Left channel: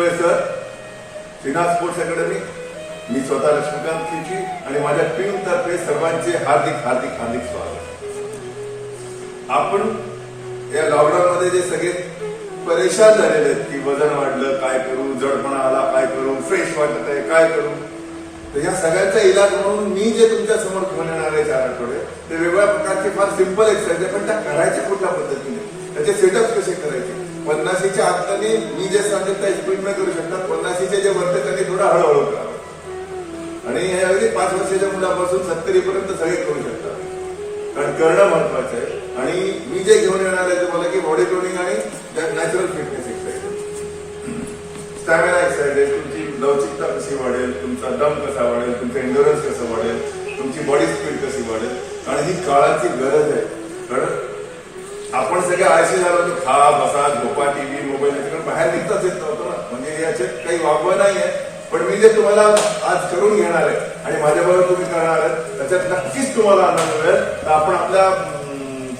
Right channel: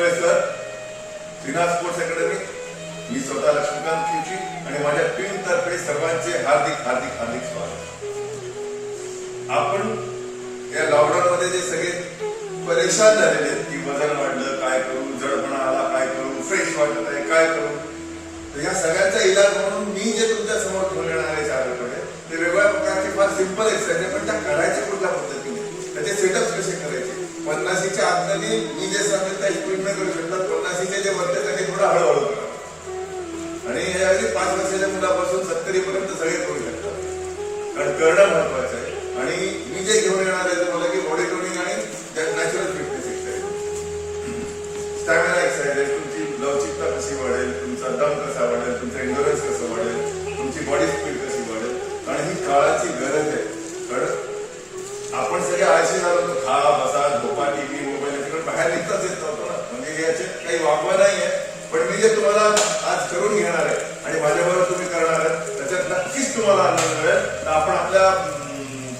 Chitole sir, Sinha sports academy, मी स्वतः लक्ष्मीकांत खिची आणि माझ्या टीम तर्फे सर्वांचे हार्दिक हार्दिक हार्दिक स्वागत. आपण या लॉकडाऊन मध्ये जे सगळे परेशान झालेले आहेत की वजन वाढलं काय करू, जडपणा आला काय करू, फ्रेश वाटत आहे काय करू, तर या सगळ्यांचा इलाज म्हणून मी जे तुमच्या समोर घेऊन येणार आहे 4 आठवडे ते वेगवेगळ्या प्रकारचे फार सिंपल एक्सरसाइज आहे, पण त्या करायच्या कुठल्या पद्धतीने, त्याचे सेटअप कसे करायचे. 50च्या आतमध्ये मी जे सांगेल त्या स्पीडने करू शकतात, 50चे जे म्हणते त्यांनी थोडं हळूहळू करावं आणि यावेळी 5 वर्षाच्या मुलापासून 70 पर्यंत सगळे करू शकतात, कारण करणं महत्वाचं आहे. आणि मी जे घेऊन येणार आहे तुम्हाला की बॉडी टोनिंग आणि natural fitness exercise, stamina exercise, तुमची लवचिकता कशी वाढेल, तुमचा दम कसा वाढेल, तुमचं एन्ड्युरन्स कसं वाढेल, तुमची बॉडी स्पीड कशी वाढेल. आणि ही काळाची गरज आहे, कारण आपण सगळे आळशी झालो होतो, खा बसा झोपा, टीव्ही मोबाईल याच्याकडे बाहेर निघताच येत नव्हतं ना, म्हणजे याचे काही वागवं नाहीये. पण मी जे तुम्हाला आज करून घेणार आहे आणि माझ्याबरोबर तुम्ही करणार आहात त्याच्यात नक्कीच तुम्हाला आनंद मिळेल. तर आपण आपल्या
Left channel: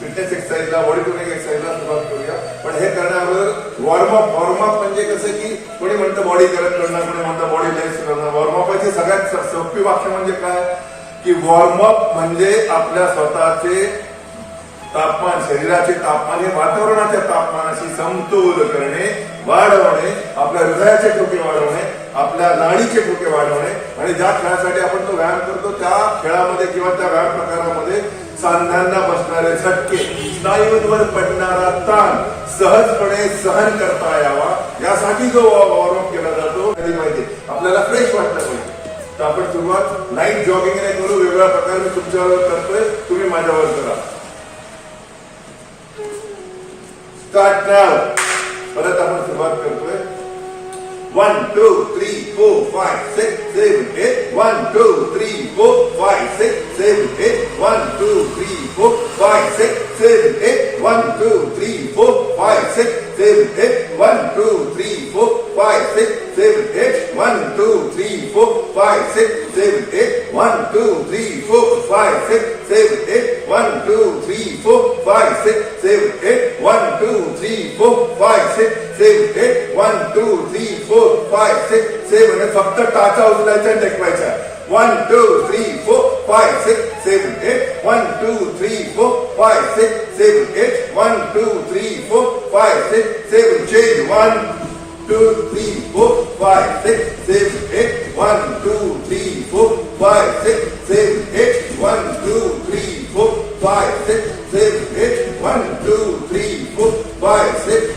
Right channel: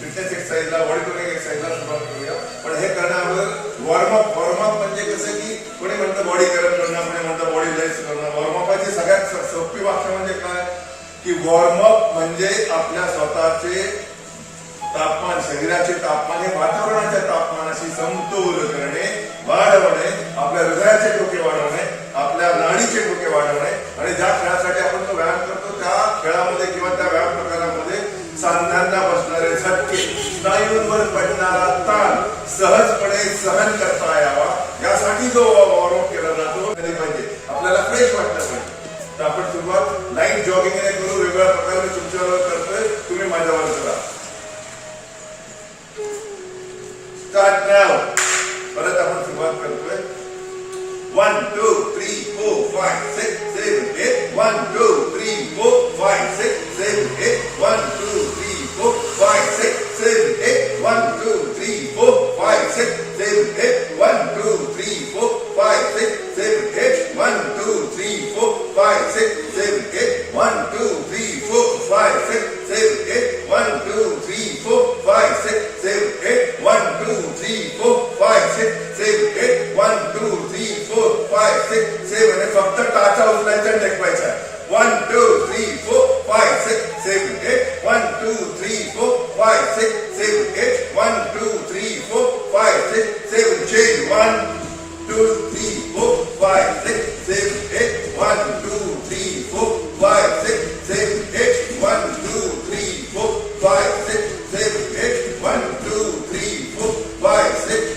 फिटनेस एक्सरसाइजला, बॉडी टोनिंग एक्सरसाइजला सुरुवात करूया. पण हे करण्याअगोदर वॉर्मअप म्हणजे कसं की कोणी म्हणतं बॉडी करत करणं, कोणी म्हणतं बॉडी लेस करणं. वॉर्मअपची सगळ्यात सोपी वाक्य म्हणजे काय की वॉर्मअप म्हणजे आपल्या स्वतःचे तापमान, शरीराचे तापमान हे वातावरणाच्या तापमानाशी समतोल करणे, वाढवणे, आपल्या हृदयाचे ठोके वाढवणे, आपल्या नाडीचे ठोके वाढवणे. आणि ज्या खेळासाठी आपण तो व्यायाम करतो त्या खेळामध्ये किंवा त्या व्यायाम प्रकारामध्ये सांध्यांना बसणारे झटके, स्नायूंवर पडणारा ताण सहजपणे सहन करता यावा यासाठी जो वॉर्मअप केला जातो कधी पाहिजे, आपल्याला फ्रेश वाटलं पाहिजे. तर आपण सुरुवात लाईट जॉगिंगने करू. वेगवेगळ्या प्रकारे मी तुमच्यावर करतोय, तुम्ही माझ्यावर करा. स्टार्ट नाव. परत आपण सुरुवात करतोय. 1 2 3 4 5 6 7 8 1 2 3 4 5 6 7 8 1 2 3 4 5 6 7 8 1 2 3 4 5 6 7 8 1 2 3 4 5 6 7 8 1 2 3 4 5 6 7 8 1 2 3 4 5 6 7 8 1 2 3 4 5 6 7 8 1 2 3 4 5 6 7 8 1 2 3 4 5 6 7 फक्त टाचा उचलायचा टेकवायचा. 1 2 3 4 5 6 7 8 1 2 3 4 5 6 7 8 1 2 3 4 5 6 7 change 1 2 3 4 5 6 7 8 1 2 3 4 5 6 7 8 1 2 3 4 5 6 7 8 1 2 3 4 5 6 7 8 1 2 3 4 5 6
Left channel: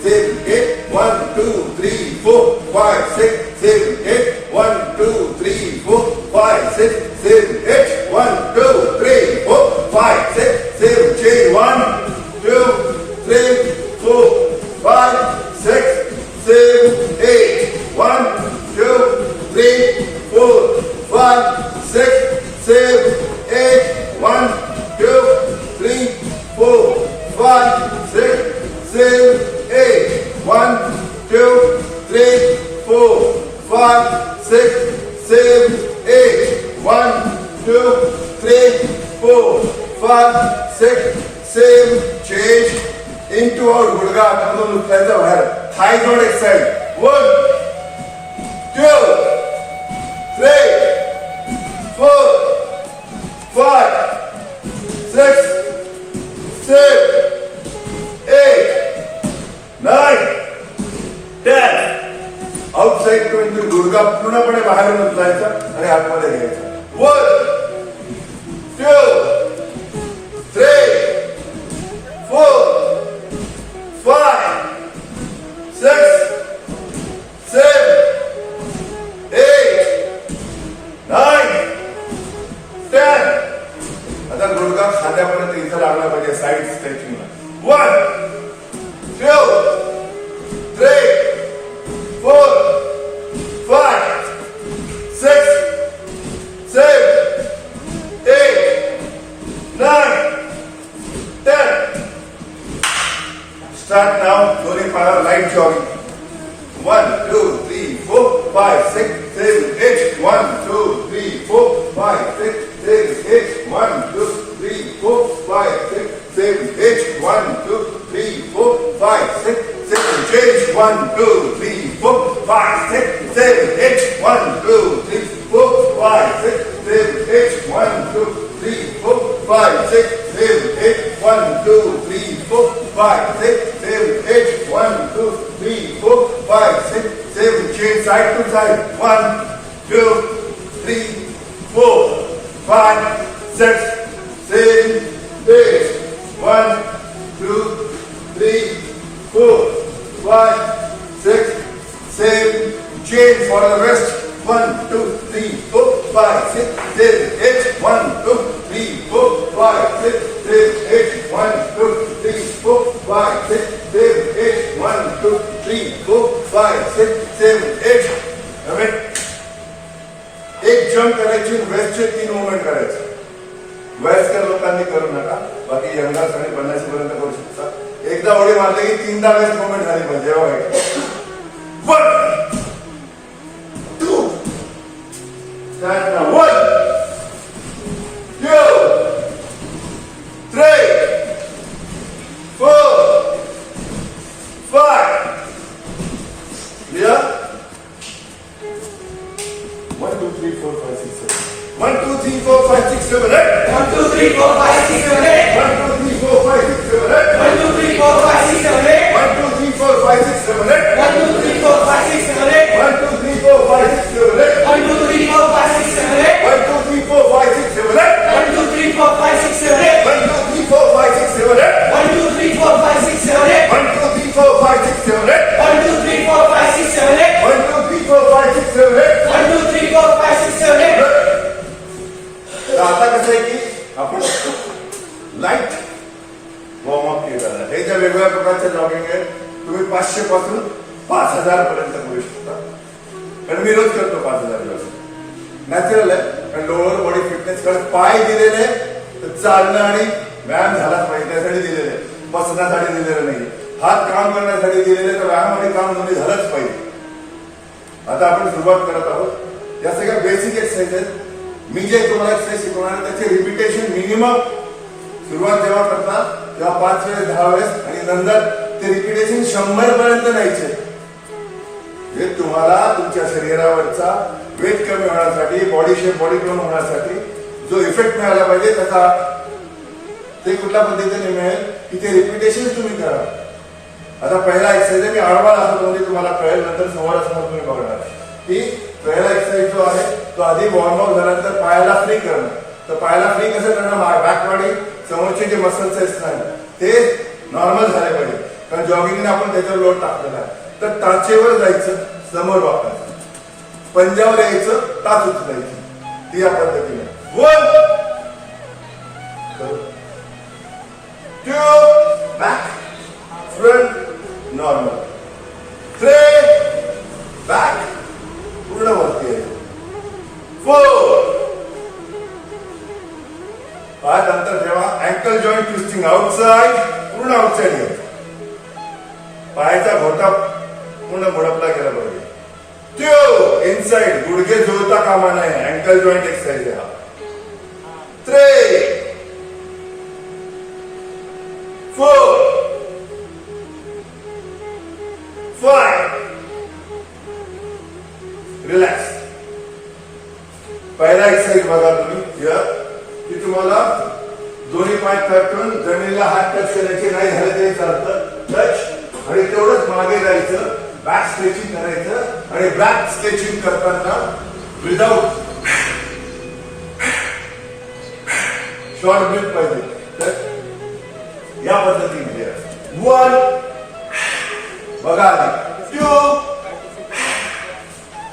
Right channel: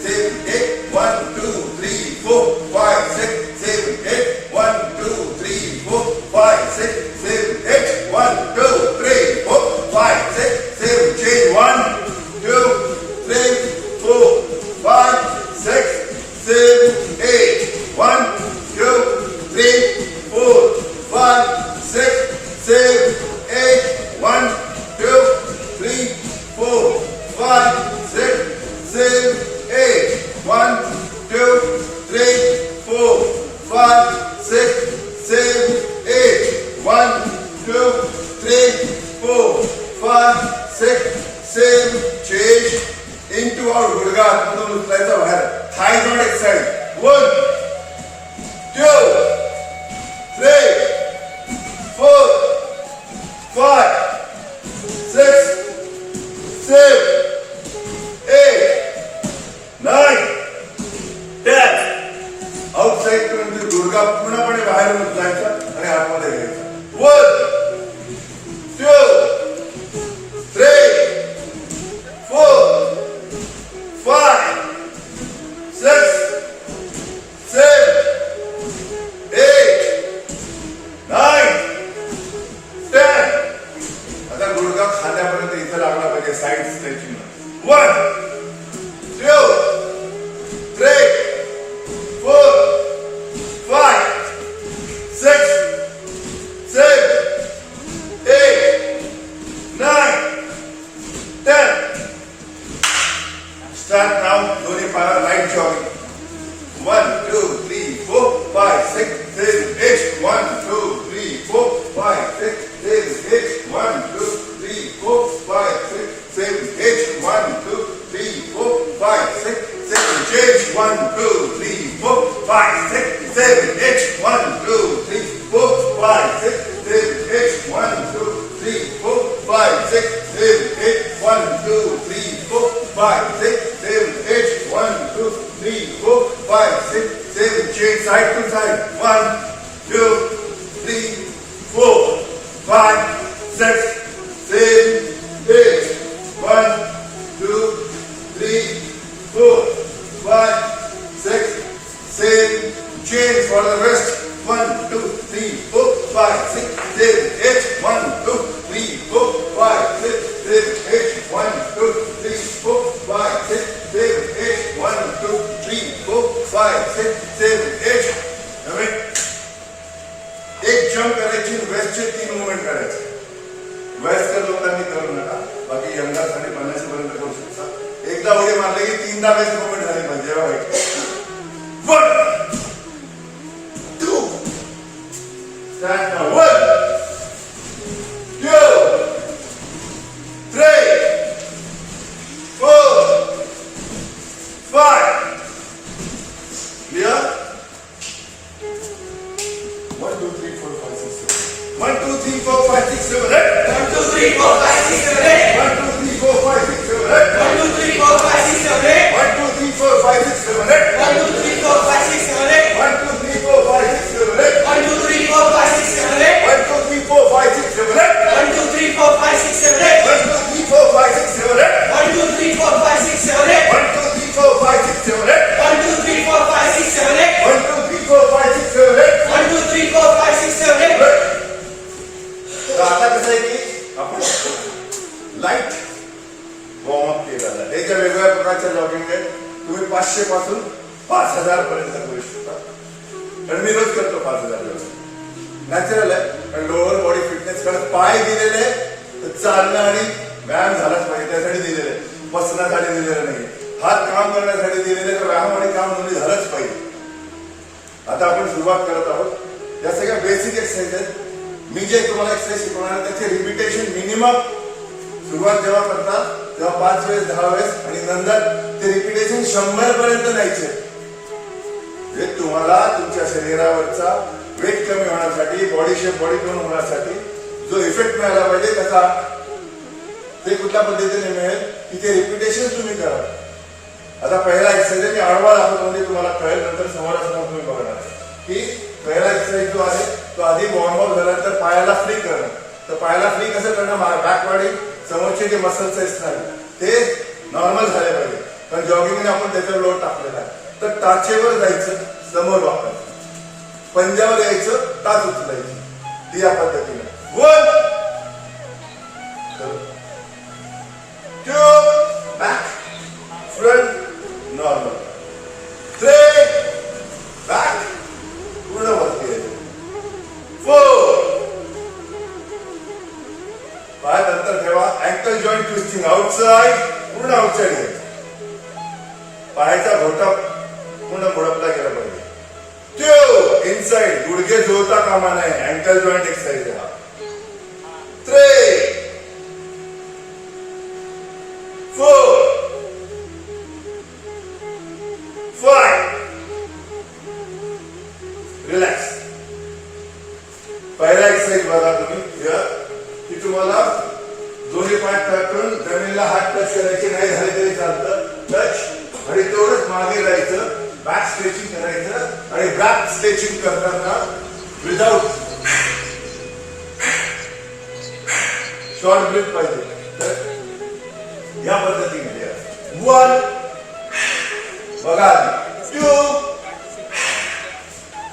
7 8 1 2 3 4 5 6 7 8 1 2 3 4 5 6 7 8 1 2 3 4 5 6 7 change 1 2 3 4 5 6 7 8 1 2 3 4 5 6 7 8 1 2 3 4 5 6 7 8 1 2 3 4 5 6 7 8 1 2 3 4 5 6 7 change into our गुडघा मधून उचलायचा बाहेर. थाय joint exercise. 1 2 3 4 5 6 7 8 9 10. Outside to into गुडघा पूर्णपणे बाहेर उचलायचा आणि आतमध्ये घ्यायचा. 1 2 3 4 5 6 7 8 9 10. आता गुडघा खांद्यापर्यंत इथं लागला पाहिजे साईड स्ट्रेचिंगला. 1 2 3 4 5 6 7 8 9 10. Start now. दोन्ही पायाला light jogging. 1 2 3 4 5 6 7 8 1 2 3 4 5 6 7 8 1 2 3 4 5 6 7 8 5, 6, 7, 8. 1, 2, 3, 4, 5, 6, 7, 8. 1, 2, 3, 4, 5, 6, 7, 8. 1, 2, 3, 4, 5, 6, 7. Change side to side. 1, 2, 3, 4, 5, 6, 7, 8. 1, 2, 3, 4, 5, 6, 7. Change for the rest. 1, 2, 3, 4, 5, 6, 7, 8. 1, 2, 3, 4, 5, 6, 7, 8. 1, 2, 3, 4, 5, 6, 7, 8. 1, 2, 3, 4, 5, 6, 7, 8. एक जंप करायची, वेस्टचे 3 मुवमेंट करायचे. वयस्कर लोकांनी करू नका, बाकी यंगर्स आणि 50 पर्यंत करू शकता. एकदा उडी मारले की 3दा वेस्ट मुवमेंट झाली पाहिजे. 1, 2, stand now. 1, 2, 3, 4, 5. Clear? 1, 2, 3, 4, 5, 6, 7. 1, 2, 3, 4, 5, 6, 7, 8. 1, 2, 3, 4, 5, 6, 7, 8. 1, 2, 3, 4, 5, 6, 7, 8. 1, 2, 3, 4, 5, 6, 7, 8. 1, 2, 3, 4, 5, 6, 7, 8. 1, 2, 3, 4, 5, 6, 7, 8. 1, 2, 3, 4, 5, 6, 7, 8. 1, 2, 3, 4, 5, 6, 7, 8. 1, 2, 3, 4, 5, 6, 7, 8. 1, 2, 3, 4, 5, 6, 7, 8. 1, 2, 3, 4, 5, 6, 7, 8. 1, 2, 3, 4, 5, 6, 7, 8. 1, 2, 3, 4, 5, 6, 7, 8. 1, 2, 3, 4, 5, 6, 7, 8. 1, 2, 3, 4, 5, 6, 7, 8. 1, 2, 3, 4, 5, 6, 7, 8. तर आता कसं आहे की आपण लाईट वॉर्मअप केलं. हे ज्या वेगवेगळ्या प्रकारच्या जॉगिंग आहे, तुम्ही 500 पासून 5000 पर्यंत करू शकता. कारण मी रोज करतो 5000 दिवस. नॅचरल आहे, कारण लोअर बॉडी फिटनेस कारण पाय दिलेले तर चालणं आणि व्यायाम झालाच पाहिजे, त्यासाठी दिलेले, बसण्यासाठी दिलेलं नाही. हात काम करण्यासाठी दिलेले, तर व्यायाम आणि काम दोन्ही झालंच पाहिजे. आता आपण सुरुवात करत आहोत. या सगळ्या बेसिक एक्सरसाइज आहेत. मी जे तुम्हाला एक्सरसाइज शिकवणार आहे त्याचे रिपिटेशन मिनिमम सुरुवात जेव्हा करता तेव्हा 5 वेळेस 10 वेळेस आणि नंतर ते रिपिटेशन 100 पर्यंत न्यायचे. जे तुम्हाला तुमच्या शरीरावरचा वेट कमी होण्यासाठी, बॉडी शेप, बॉडी टोन होण्यासाठी जो इफेक्ट मिळाला पाहिजे त्याचा ते कुठल्या पद्धतीने मिळेल की ते रिपिटेशन तुम्ही करा. आता पहिला एक्सरसाइज आहे, मी आडवा दाखवतो म्हणजे तुम्हाला कळेल, नंतर समोरासमोर तुम्ही बघणार की पहिला एक्सरसाइज जो आहे तो आधी वॉर्मअप झाल्यानंतर पायाला फ्री करणं. तर पायाला फ्री कसं करणं, बॅकवाडी समोरचे जे मसल्स आहेत ते नॉर्मल झाले पाहिजे, कारण जॉगिंगने आपण त्याच्यावर लोड टाकलेला आहे. तर टाचेवर जायचं, समोर वापरायचं, पंजावर यायचं, टाच उचलायची, ती या पद्धतीने. 1, 2, बॅक, फ्रंट, नॉर्मल, 3, बॅक, पूर्ण वरती आहे, 4, 5 नंतर ठेवा. अँकल जॉईंट ट्विस्टिंग आउटसाइड, पूर्ण आउटसाइड घ्यायचं. पायाचा घोटा पूर्ण मुडपला गेला पाहिजे. 2, इनसाइड, गुडघे जुळता कामा नये, अँकल जॉईंट एक्सरसाइज आहे हा. 3, 4, 5, रिलॅक्स. पहिला एक्सरसाइज बघा तुम्ही की तुम्हाला दोन्ही पाय टाकून जमिनीला हात टच करायचे नाही झाले तरी चालतं. टच आणि तेवढंच मागे जायचं, बॅक स्ट्रेचिंग करायचं आणि बॅक स्ट्रेचिंग करताना विदाउट शॉर्ट ब्रेथ पाहिजे. तर या पद्धतीने 1 बघा, 2,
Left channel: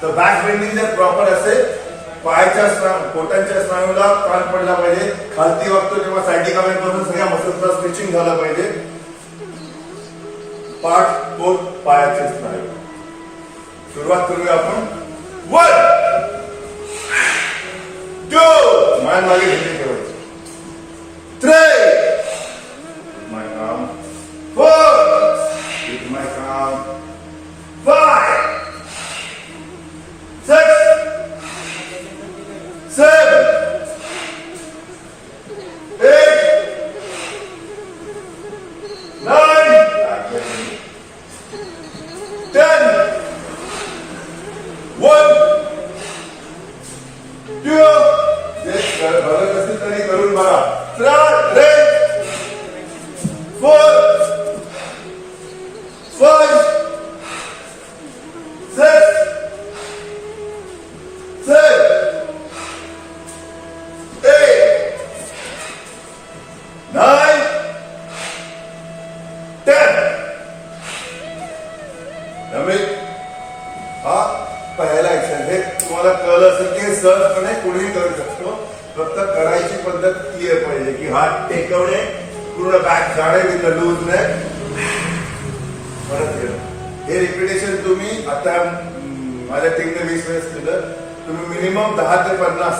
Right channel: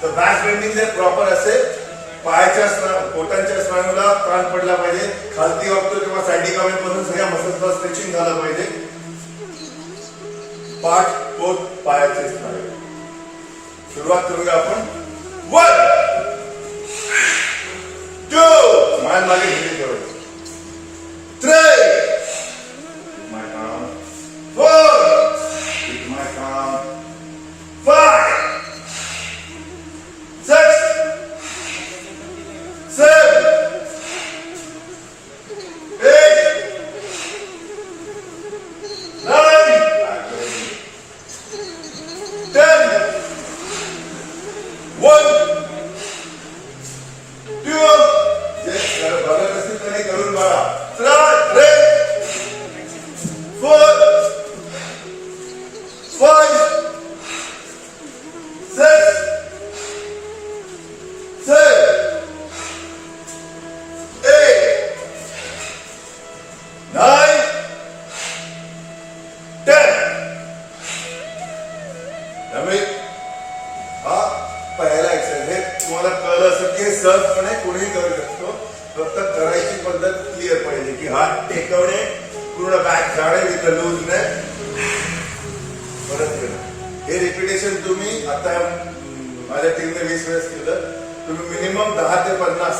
तर बॅक बेंडिंग जर प्रॉपर असेल, पायाच्या पोटांच्या स्नायूला ताण पडला पाहिजे, खालती वागतो किंवा सायडी कमेंट पासून सगळ्या मसल्सला स्ट्रेचिंग झालं पाहिजे. पाठ, पोट, पायाचे स्नायू. सुरुवात करूया आपण. 1, 2, मान मागे ढिली ठेवायची. 3, my arm. 4, keep my arm. 5, 6, 7, 8, 9, 10, 1, 2, सहजपणे कोणीही करू शकतो. फक्त करायची पद्धत क्लिअर पाहिजे की हात टेकवणे, पूर्ण बॅक जाणे विथ लूज ने परत येणं. हे रिपिटेशन तुम्ही आता माझ्या टीमने 20 वेळेस केलं. तुम्ही मिनिमम 10 ते 50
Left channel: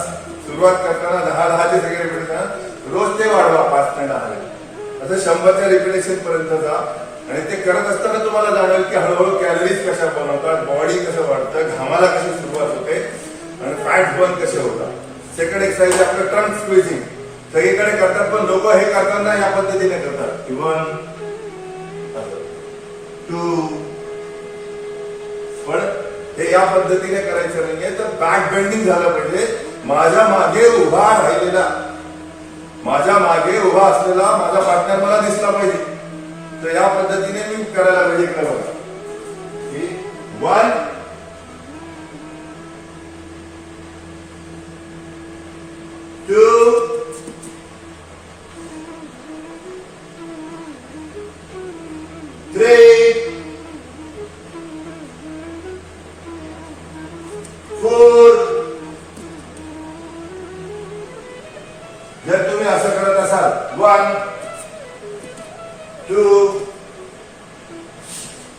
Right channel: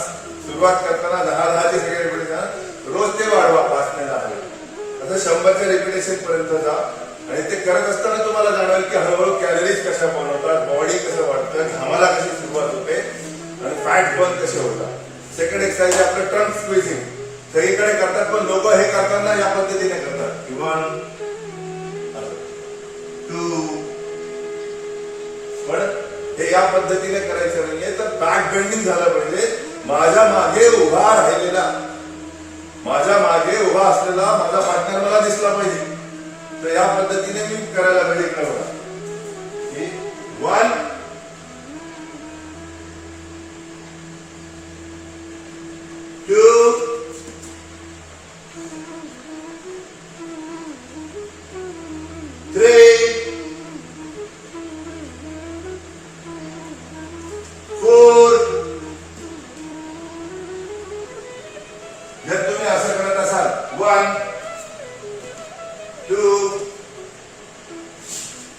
सुरुवात करताना 10-10चे सगळे रिपिटेशन रोज ते वाढवा 5 ते 10. असं 100च्या रिपिटेशन पर्यंत जा आणि ते करत असताना तुम्हाला जाणवेल की हळूहळू कॅलरीज कशा बनवतात, बॉडी कसं वाढतं, घामाला कशी सुरुवात होते आणि फॅट बर्न कसे होतात. सेकंड एक्सरसाइज आपलं ट्रंक स्क्विझिंग. सगळीकडे करतात पण लोक हे करताना या पद्धतीने करतात. 1 2 पण हे या पद्धतीने करायचं नाहीये. तर बॅक बेंडिंग झालं पाहिजे. माझ्या मागे उभा राहिलेला, माझ्या मागे उभा असलेला माझा पार्टनर मला दिसला पाहिजे. तर या पद्धतीने मी करायला पाहिजे. कळवा 1 2 3 4. जर तुम्ही असं करत असाल 1 2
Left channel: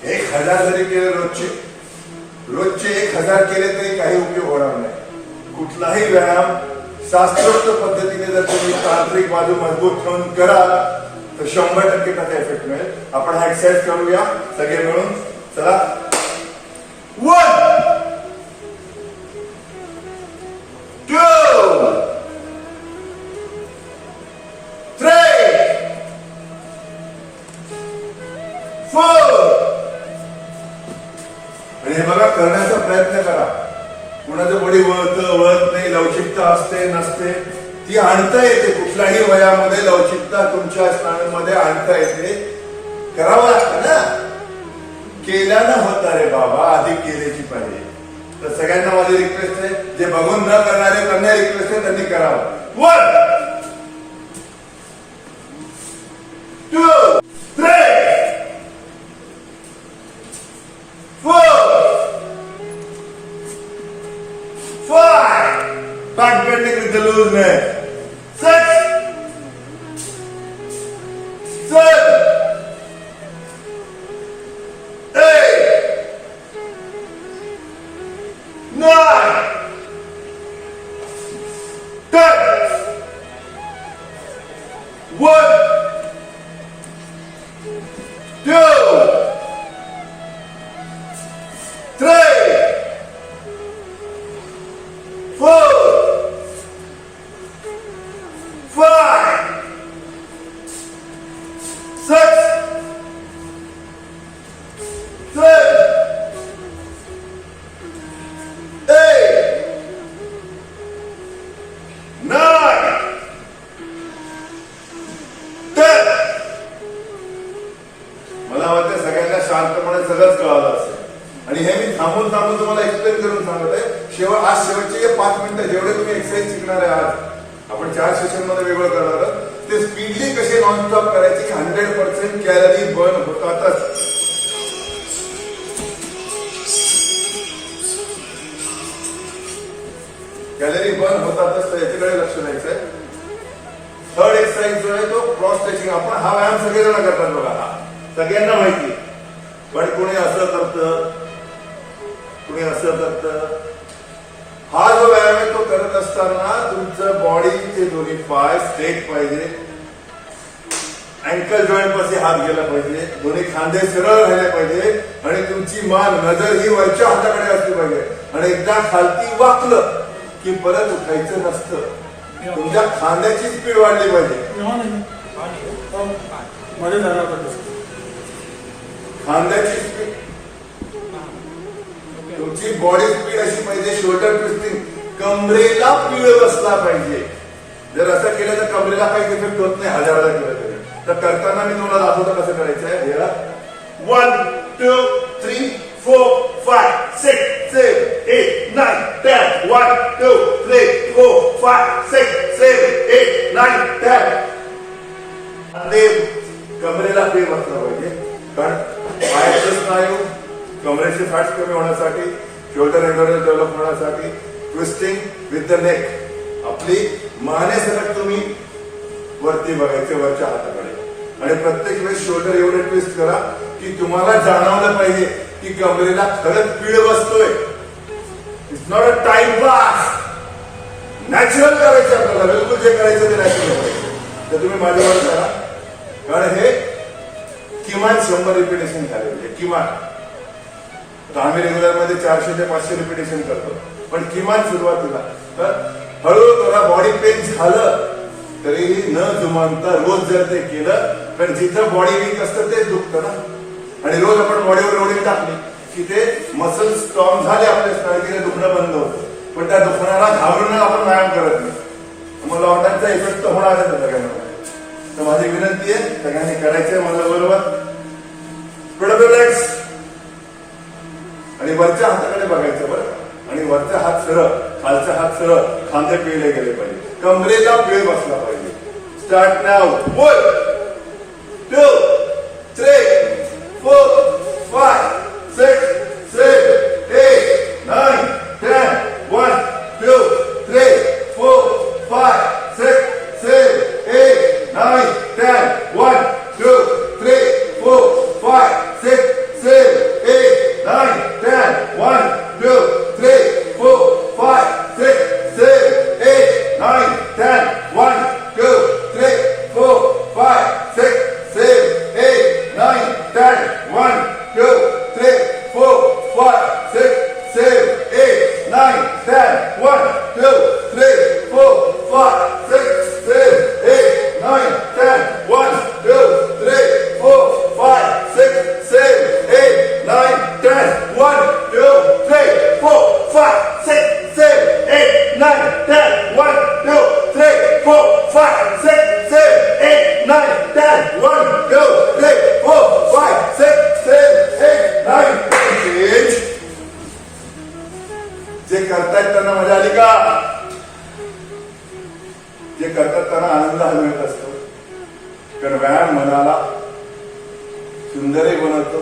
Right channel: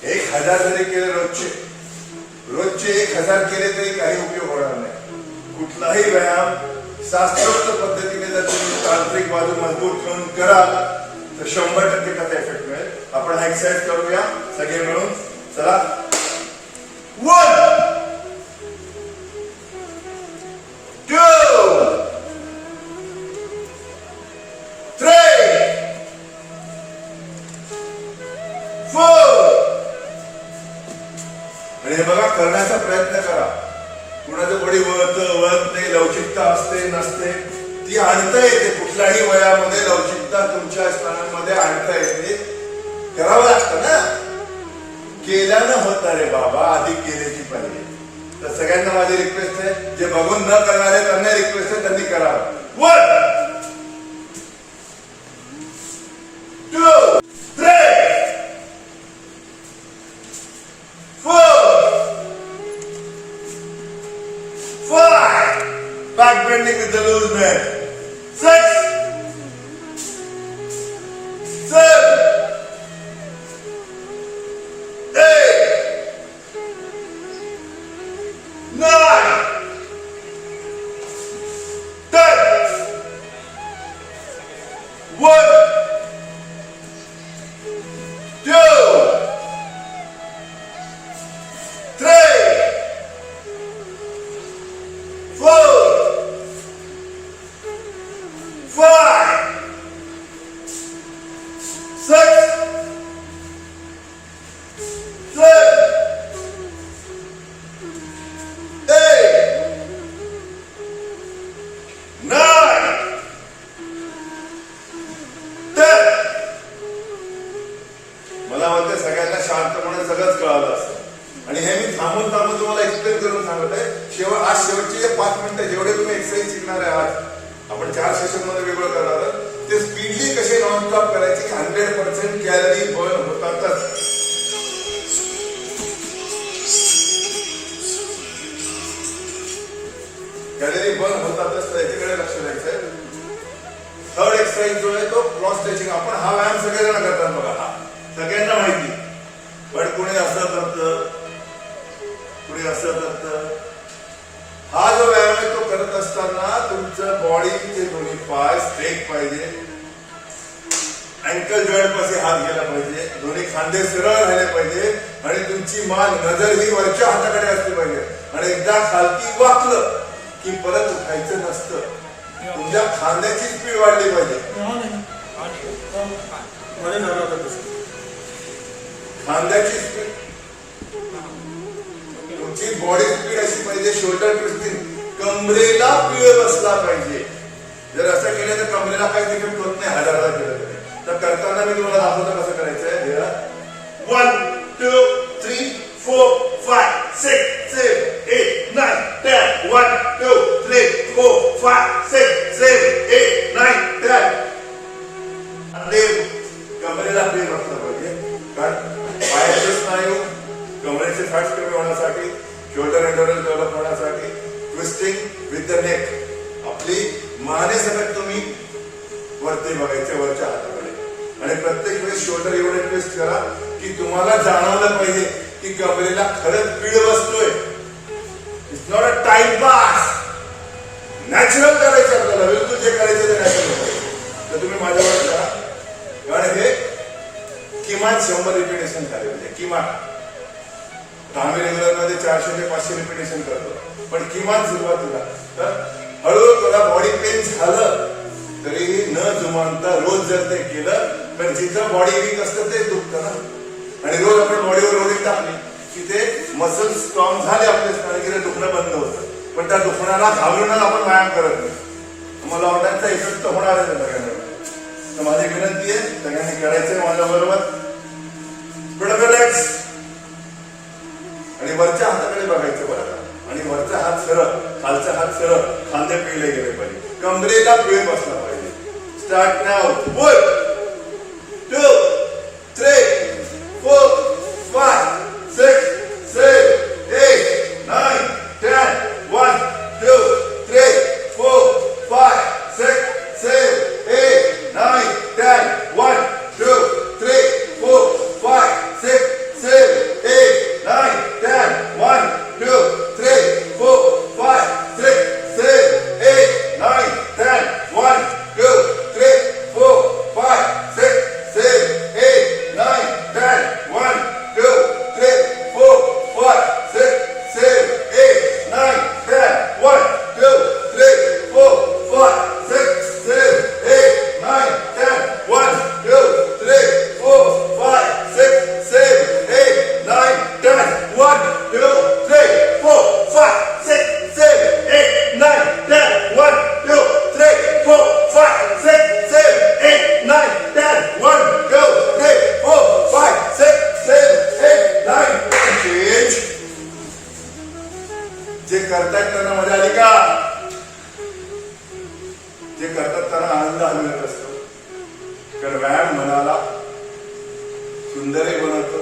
1000 जरी केले रोजचे 1000 केले तरी काही उपयोग होणार नाही. कुठलाही व्यायाम शास्त्रोक्त पद्धतीने जर तुम्ही तांत्रिक बाजू मजबूत ठेवून कराल तर 100% त्याचा इफेक्ट मिळेल. आपण हा एक्सरसाइज करूया सगळे मिळून. चला 1 2 3 4. आणि हे बघा करण्याचा प्रयत्न करा. कुणाचं बॉडी वळत नाही, लवचिकता असते नसते, ती आणता येते. कुठल्याही वयामध्ये लवचिकता तुमच्या स्नायूमध्ये आणता येते. करावं लागतं ना. केल्यानं होत रे बाबा, आधी केल्याची पाहिजे. तर सगळ्यांना माझी रिक्वेस्ट आहे, जे बघून न करणारे त्यांना रिक्वेस्ट आहे त्यांनी करावं. 1 2 3 4 5. Back bending with the loose neck. 6 7 8 9 10. 1 2 3 4 5 6 7 8 9 10. मला वाटतं सगळ्यांना शांतपणे सगळंच कळालं असतं. आणि हे मी थांबून तुम्हाला एक्सप्लेन करून सांगत आहे. आज शेवटचे 5 मिनिटं जेवढे तुम्ही एक्सरसाइज शिकणार आहे, आज आपण 4 सेशन मध्ये वेगळं करणार आहोत. ते स्पीडली कसे नॉनस्टॉप करायचे, 100% कॅलरी बर्न होतातच. कॅलरी बर्न होतातच, तर याच्याकडे लक्ष द्यायचंय. थर्ड एक्सरसाइज जो आहे तो क्रॉस स्ट्रेचिंग. आपण हा व्यायाम सगळेजण करतात बघा, हा सगळ्यांना माहिती. पण कोणी असं करतं, कोणी असं करतं. हा जो व्यायाम आहे तो करत असताना तुमचं बॉडीचे दोन्ही पाय स्ट्रेट पाहिजे, अँकल जॉईंट पाशी हात गेला पाहिजे, दोन्ही खांदे सरळ राहिले पाहिजे आणि तुमची मान नजर ही वरच्या हाताकडे असली पाहिजे. आणि एकदा खालती वाकलं की परत उठायचं नसतं. तुमच्या खांद्याची स्पीड वाढली पाहिजे. खांद्याची स्पीड, तुमची बॉडी स्पीड अशी पाहिजे. शोल्डर ट्विस्टिंग, कमरेला पीळ बसला पाहिजे. जर असं केलं तर कमरेला काही इफेक्ट होत नाही. 1000 केलं तरी. तर करताना मी तुम्हाला दाखवतो कसं करायचंय. 1 2 3 4 5 6 7 8 9 10. 1 2 3 4 5 6 7 8 9 10. ते कमरेला पीळ बसला पाहिजे. कारण पायाचे स्नायू, कमरेचे फॅट्स कमी होण्यासाठी, शोल्डर एंडोरन्स डेव्हलप होण्यासाठी, ट्विस्टिंग विथ द नेक. आपली मानेसकट तुम्ही वरती बघायचे, वरच्या हाताकडे. आणि प्रत्येक वेळेस शोल्डर एवढे ट्विस्ट करा की तुम्हाला जाणवलं पाहिजे की कमरेला खरंच पीड बसतोय. It's not a timepass. Natural करायचं आपल्याला, बिलकुल जे करायचं ते नॅचरल. तर तुम्ही माझ्यावर करा, कारण हे किमान 100 रिपिटेशन झाले म्हणजे किमान. आम्ही रेग्युलर मध्ये 400 ते 500 रिपिटेशन करतो, पण किमान सुरुवातीला. तर हळूहळू करा. बॉडी पेन झालं तरीही न जुमानता रोज जर ते केलं, पण जिथं बॉडी वीक असतं तेच दुखतं ना. आणि रोज आपण बॉडीवर लोडिंग टाकली की ते मसल स्ट्रॉंग झाले आपल्या स्ट्रॅटेजीने दुखणं बंद होतं. पण त्या दुखण्याला घाबरून आपण व्यायाम करत नाही. मला ऑर्डरचा इफेक्ट तर होणार आहे सगळ्यांना. तर माझी विनंती आहे सगळ्यांनी करायचंय माझ्या बरोबर. लेग्स आणि वरच्या हाताकडे बघायचं बरं का. आणि वरचा हात सरळ, खालचा हात सरळ, खांदे पिळले गेले पाहिजे, कमरेला पिळ बसला पाहिजे. Start now. 1 2 3 4 5 6 7 8 9 10 1 2 3 4 5 6 7 8 9 10 1 2 3 4 5 6 7 8 9 10 1 2 3 4 5 6 7 8 9 10 1 2 3 4 5 6 7 8 9 10 1 2 3 4 5 6 7 8 9 10 1 2 3 4 5 6 7 8 9 10 1 2 3 4 5 6 7 8 9 10 1 2 3 4 5 6 7 8 9 10 1 2 3 4 5 6 7 8 9 10 1 2 3 4 5 6 7 8 9 10. जे करतायत त्यांना मजा आली का? जे करतात त्यांना आनंद अनुभवत असतो. कारण व्यायाम मनाला सुंदरही बनवतो,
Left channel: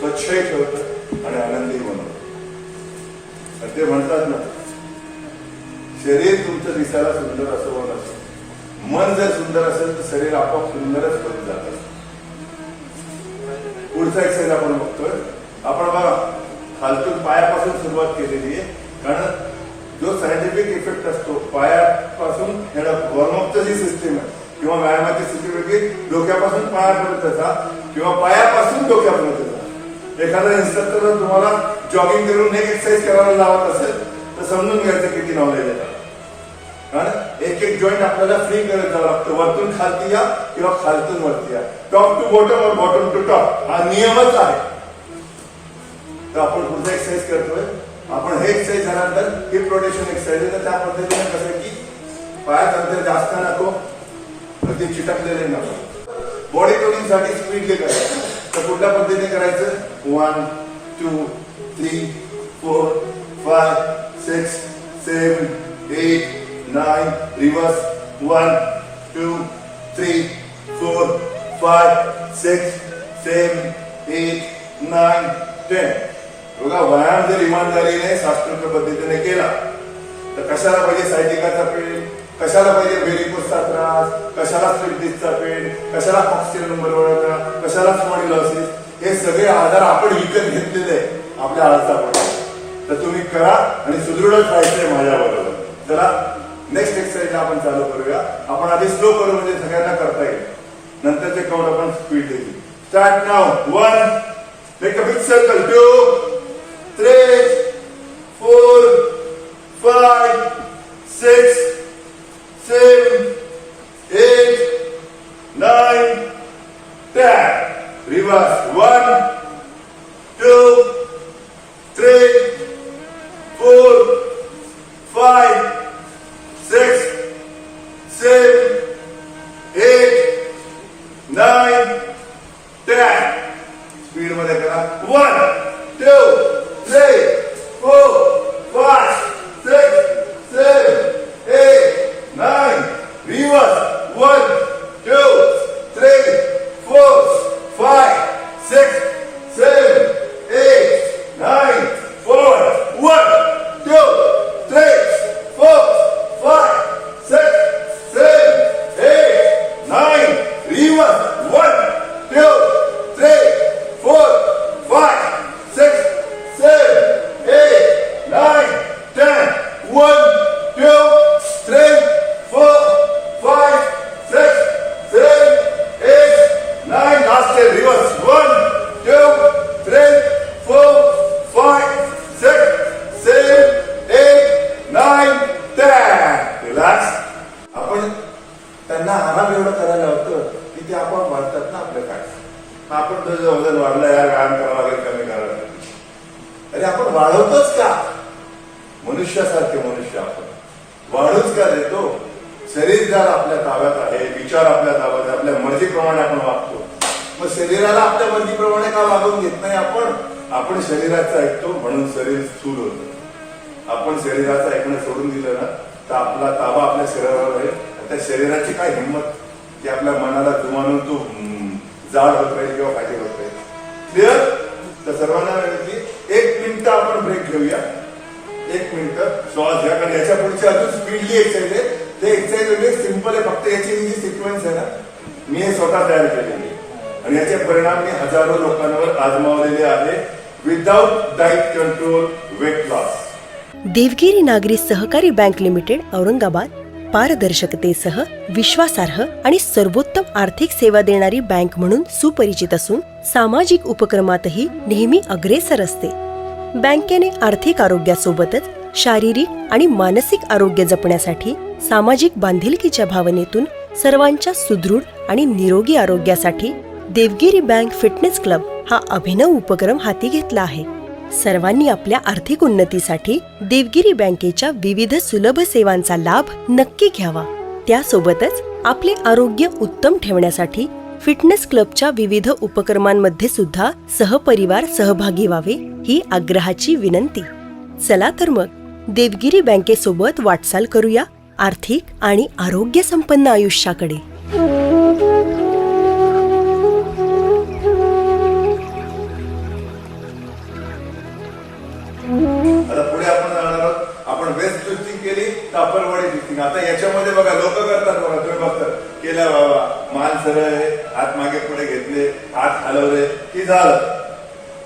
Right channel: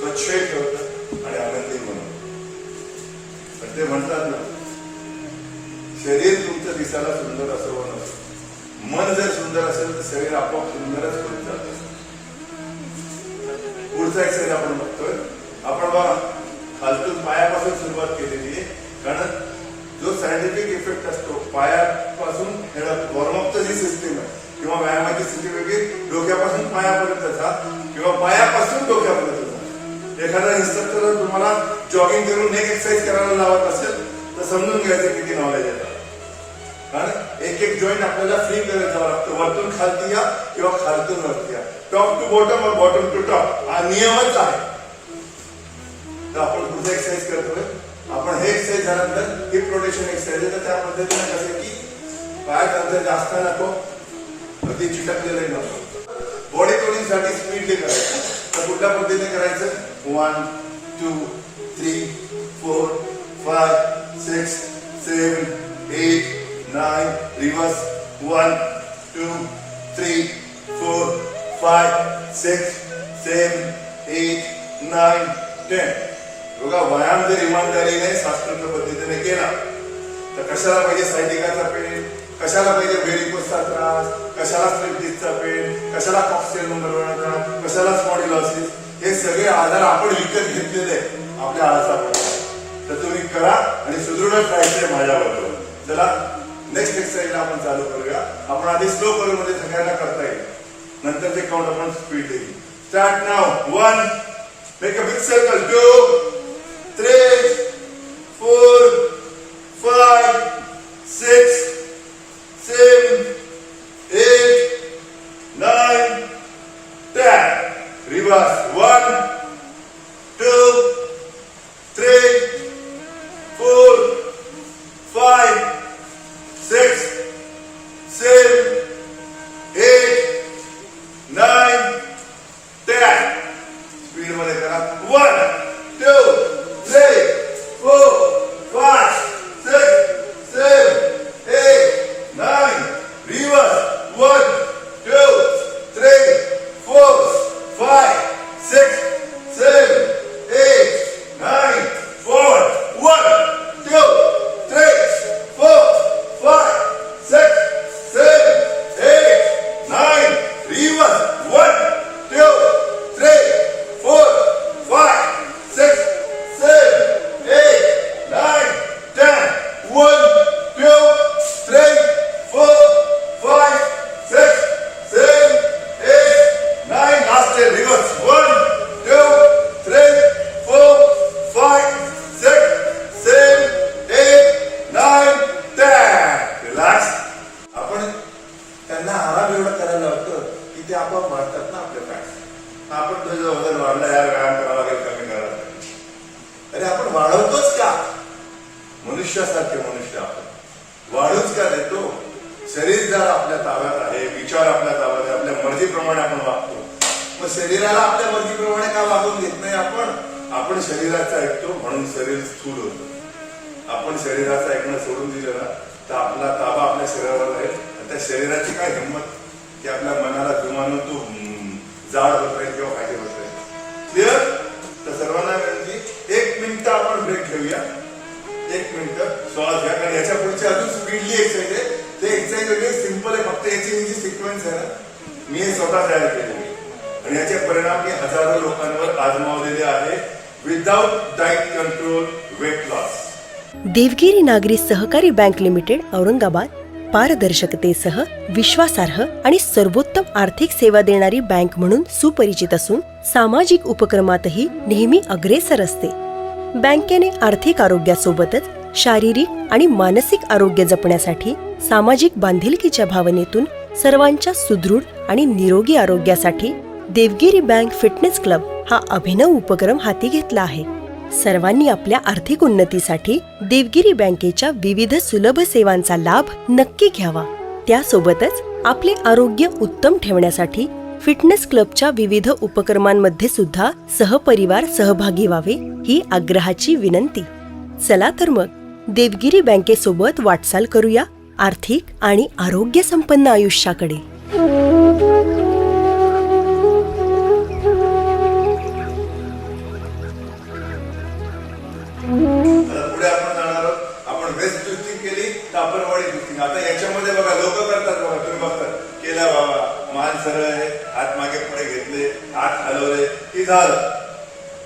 स्वच्छही ठेवतं आणि आनंदही बनवतो. आणि ते म्हणतात ना, शरीर तुमचं दिसायला सुंदर असं बनवतं, मन जर सुंदर असेल तर शरीर आपोआप सुंदरच बनून जातं. पुढचा एक्सरसाइज आपण बघतोय. आपण बघा खालतून पायापासून सुरुवात केलेली आहे. कारण जो सायंटिफिक इफेक्ट असतो पायापासून, वॉर्मअपची जी सिस्टीम आहे किंवा व्यायामाची स्थिती वेगळी, डोक्यापासून पायापर्यंत जा किंवा पायापासून डोक्यापर्यंत जा. एखादा इन्स्ट्रक्टर तुम्हाला जॉगिंग करून नेक एक्सरसाइज करायला लावत असेल तर समजून घ्यायचं किती नॉलेज आहे. कारण एक एक जॉईंट आपल्याला फ्री करत जावं लागतं. वरतून खालती या किंवा खालतून वरती या. टॉप टू बॉटम और बॉटम टू टॉप हा नियमच आहे. तर आपण पुढचं एक्सरसाइज करतोय. आपण हे एक्सरसाइज झाल्यानंतर हिप रोटेशन एक्सरसाइज आहे. तर त्या पद्धतीने कसं की पायात अंतर जास्त नको, अगदी चिटकलेलं नको. बॉडी टोनिंग साठी स्पीडली करायचं. तर कुठल्या पद्धतीने करायचं? 1 2 3 4 5 6 7 8 9 रिवर्स 1 2 3 4 5 6 7 8 9 10. बघा, व्यायाम जर इमानदारीने शास्त्रोक्त पद्धतीने केला तर कशाला पाहिजे सायटिकाचा पेन, कशाला पाहिजे व्हेरिकोसचा त्रास, कशाला स्लिप डिस्कचा पेन, कशाला कॉक्सियल नंबर वळका, कशाला स्पॉन्डिलोसिस. हे सगळे आजार आपण विकत घेतलेले आपल्या आळसामुळे. तर तुम्ही करा आणि सुदृढच राहायचंय माझ्या बरोबर. चला नेक्स्ट एक्सरसाइजला आपण चालू करूया. आपण आधी स्लो करू म्हणजे सगळ्यांना करता येईल. नंतरचे काउंट आपण स्पीड देऊ. Start now. 1 make a big circle. 2 3 4 5 6 7 8 9 10. Reverse. 1 2 3 4 5 6 7 8 9 10. Speed मध्ये करा. 1 2 3 4 5 6 7 8 9. Reverse. 1 2 3 4 5 6 7 8 9 4 1 2 3 4 संस्कार देतो. शरीर जर आपल्या ताब्यात आहे, विचार आपल्या ताब्यात आहे, आपल्या मर्जीप्रमाणे आपण वागतो. मग शरीराला आपल्या मर्जीप्रमाणे का वागून घेत नाही आपण शरीराचं ऐकतो म्हणून शरीर स्थूल होतं. आपण शरीराचं ऐकणं सोडून दिलं ना तर आपला ताबा आपल्या शरीरावर राहील. त्या शरीराची काय हिंमत की आपल्या मनाला जुमानून तो जाड होत राहील किंवा फायदे होत राहील. क्लिअर? तर सर्वांना एक मिनिट आपण ब्रेक घेऊया. एक मिनिट श्वास घ्या. कारण याच्या पुढची अजून स्पीडली एक्सरसाइज आहे. ते एक्सरसाइज म्हणजे सिंपल आहे. फक्त याची जी सिक्वेन्स आहे ना मी हे स्वतः तयार केलेली आहे आणि याचे परिणाम मी हजारो लोकांवर आजमावलेले आहे. Without diet control, weight loss. Devgiri नागरी सहकारी बँक लिमिटेड औरंगाबाद पारदर्शकतेसह विश्वासार्ह आणि सर्वोत्तम आर्थिक सेवा देणारी बँक म्हणून सुपरिचित असून सामाजिक उपक्रमातही नेहमी अग्रेसर असते. बँकेने आर्थिक आरोग्यासोबतच शारीरिक आणि मानसिक आरोग्य जपण्यासाठी सामाजिक बांधिलकीच्या भावनेतून सर्वांच्या सुदृढ आणि निरोगी आरोग्यासाठी देवगिरी बँक फिटनेस क्लब हा अभिनव उपक्रम हाती घेतला आहे. सर्वांनी आपल्या आर्थिक उन्नतीसाठी देवगिरी बँकेच्या विविध सुलभ सेवांचा लाभ नक्की घ्यावा. त्यासोबतच आपले आरोग्य उत्तम ठेवण्यासाठी फिटनेस क्लबच्या विविध उपक्रमांमध्ये सुद्धा सहपरिवार सहभागी व्हावे ही आग्रहाची विनंती. चला तर मग देवगिरी बँकेसोबत वाटचाल करूया आर्थिक आणि आरोग्य संपन्न आयुष्याकडे. आता पुढे आपण जाणार आहोत. आपण वेस्ट ट्विस्टिंग केली तर अपर बॉडी ट्विस्टिंग. आता याच्यामध्ये बघा लोक करतात बघा, तुम्ही बघतात केलं बाबा मान सरळ आहे, हात मागे पुढे घेतले, हात हलवले की झालं.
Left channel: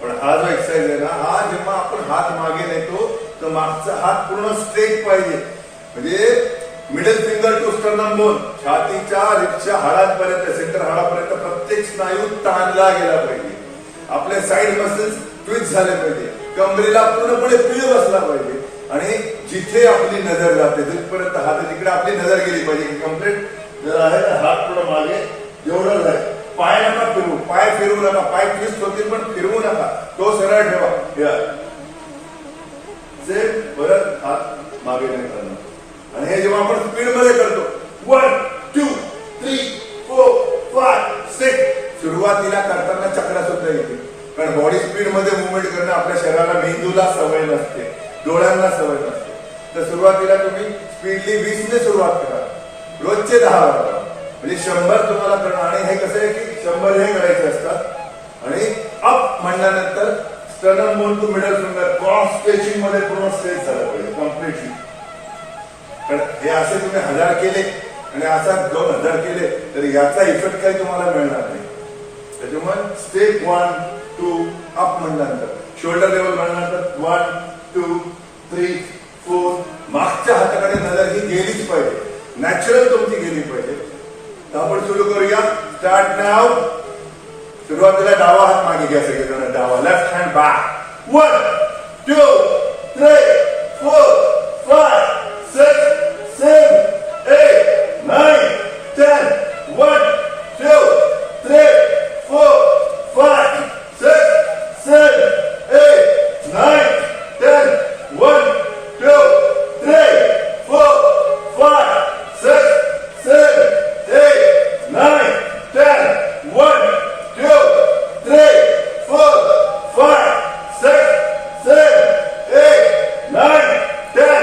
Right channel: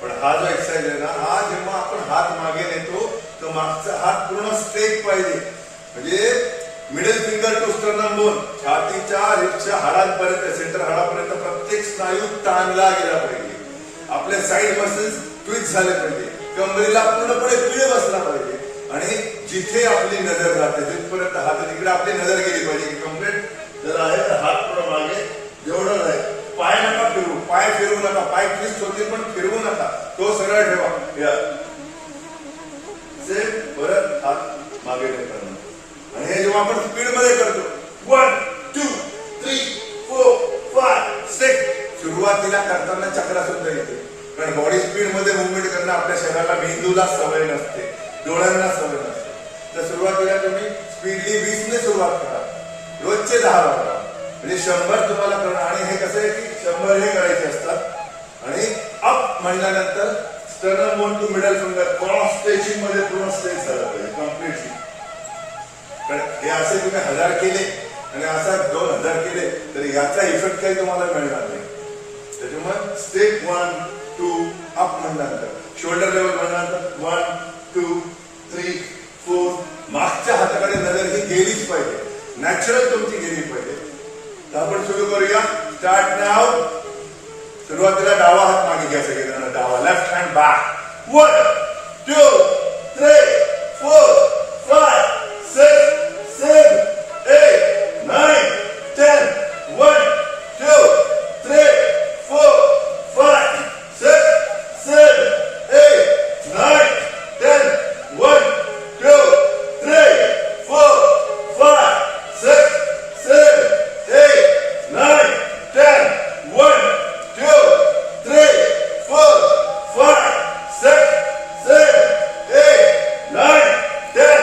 पण हा जो एक्सरसाइज आहे ना हा जेव्हा आपण हात मागे नेतो तर मागचा हात पूर्ण स्ट्रेट पाहिजे. म्हणजे middle finger to sternum bone, छातीच्या रिपच्या हाडांपर्यंत सेंटर हाडापर्यंत प्रत्येक स्नायू ताणला गेला पाहिजे. आपले साइड मसल्स ट्विस्ट झाले पाहिजे. कमरेला पूर्णपणे पीळ बसला पाहिजे आणि जिथे आपली नजर जाते तिथपर्यंत हात तिकडे आपली नजर गेली पाहिजे. कम्प्लीट जर आहे तर हात पुढे मागे जेवढं आहे. पाय नका फिरवू, पाय फिरवू नका. पाय ट्विस्ट होतील पण फिरवू नका. तो सरळ ठेवा. सेम परत हात मागे नाही करणं. आणि हे जेव्हा आपण स्पीड मध्ये करतो 1 2 3 4 5 6 सुरुवातीला करताना चक्रा सुद्धा येते. कारण बॉडी स्पीड मध्ये मुवमेंट करणं आपल्या शरीराला मेंदूला सवय नसते, डोळ्यांना सवय नसते. तर सुरुवातीला तुम्ही स्पीडली 20 ने सुरुवात करा. रोजचे 10 वाजता म्हणजे 100 तुम्हाला करणं. आणि हे कसं आहे की 100 हे करायचे असतात. आणि अप म्हणल्यानंतर sternum bone to middle finger cross stretching मध्ये पूर्ण स्ट्रेच झाला पाहिजे कम्प्लिटली. पण हे असे तुम्ही 1000 केले आणि असा 2000 केले तर याचा इफेक्ट काही तुम्हाला मिळणार नाही. त्याच्यामुळे स्टेप 1 2 अप म्हणल्यानंतर शोल्डर लेवल म्हणल्यानंतर 1 2 3 4 मागच्या हाताकडे नजर ही गेलीच पाहिजे. नॅचरल तुमची गेली पाहिजे. तर आपण सुरू करूया. स्टार्ट नाव. सुरुवातीला डावा हात मागे घ्या सगळेजण. डावा left hand back. 1 2 3 4 5 6 7 8 9 10 1 2 3 4 5 6 7 8 9 10 1 2 3 4 5 6 7 8 9 10 1 2 3 4 5 6 7 8 9 10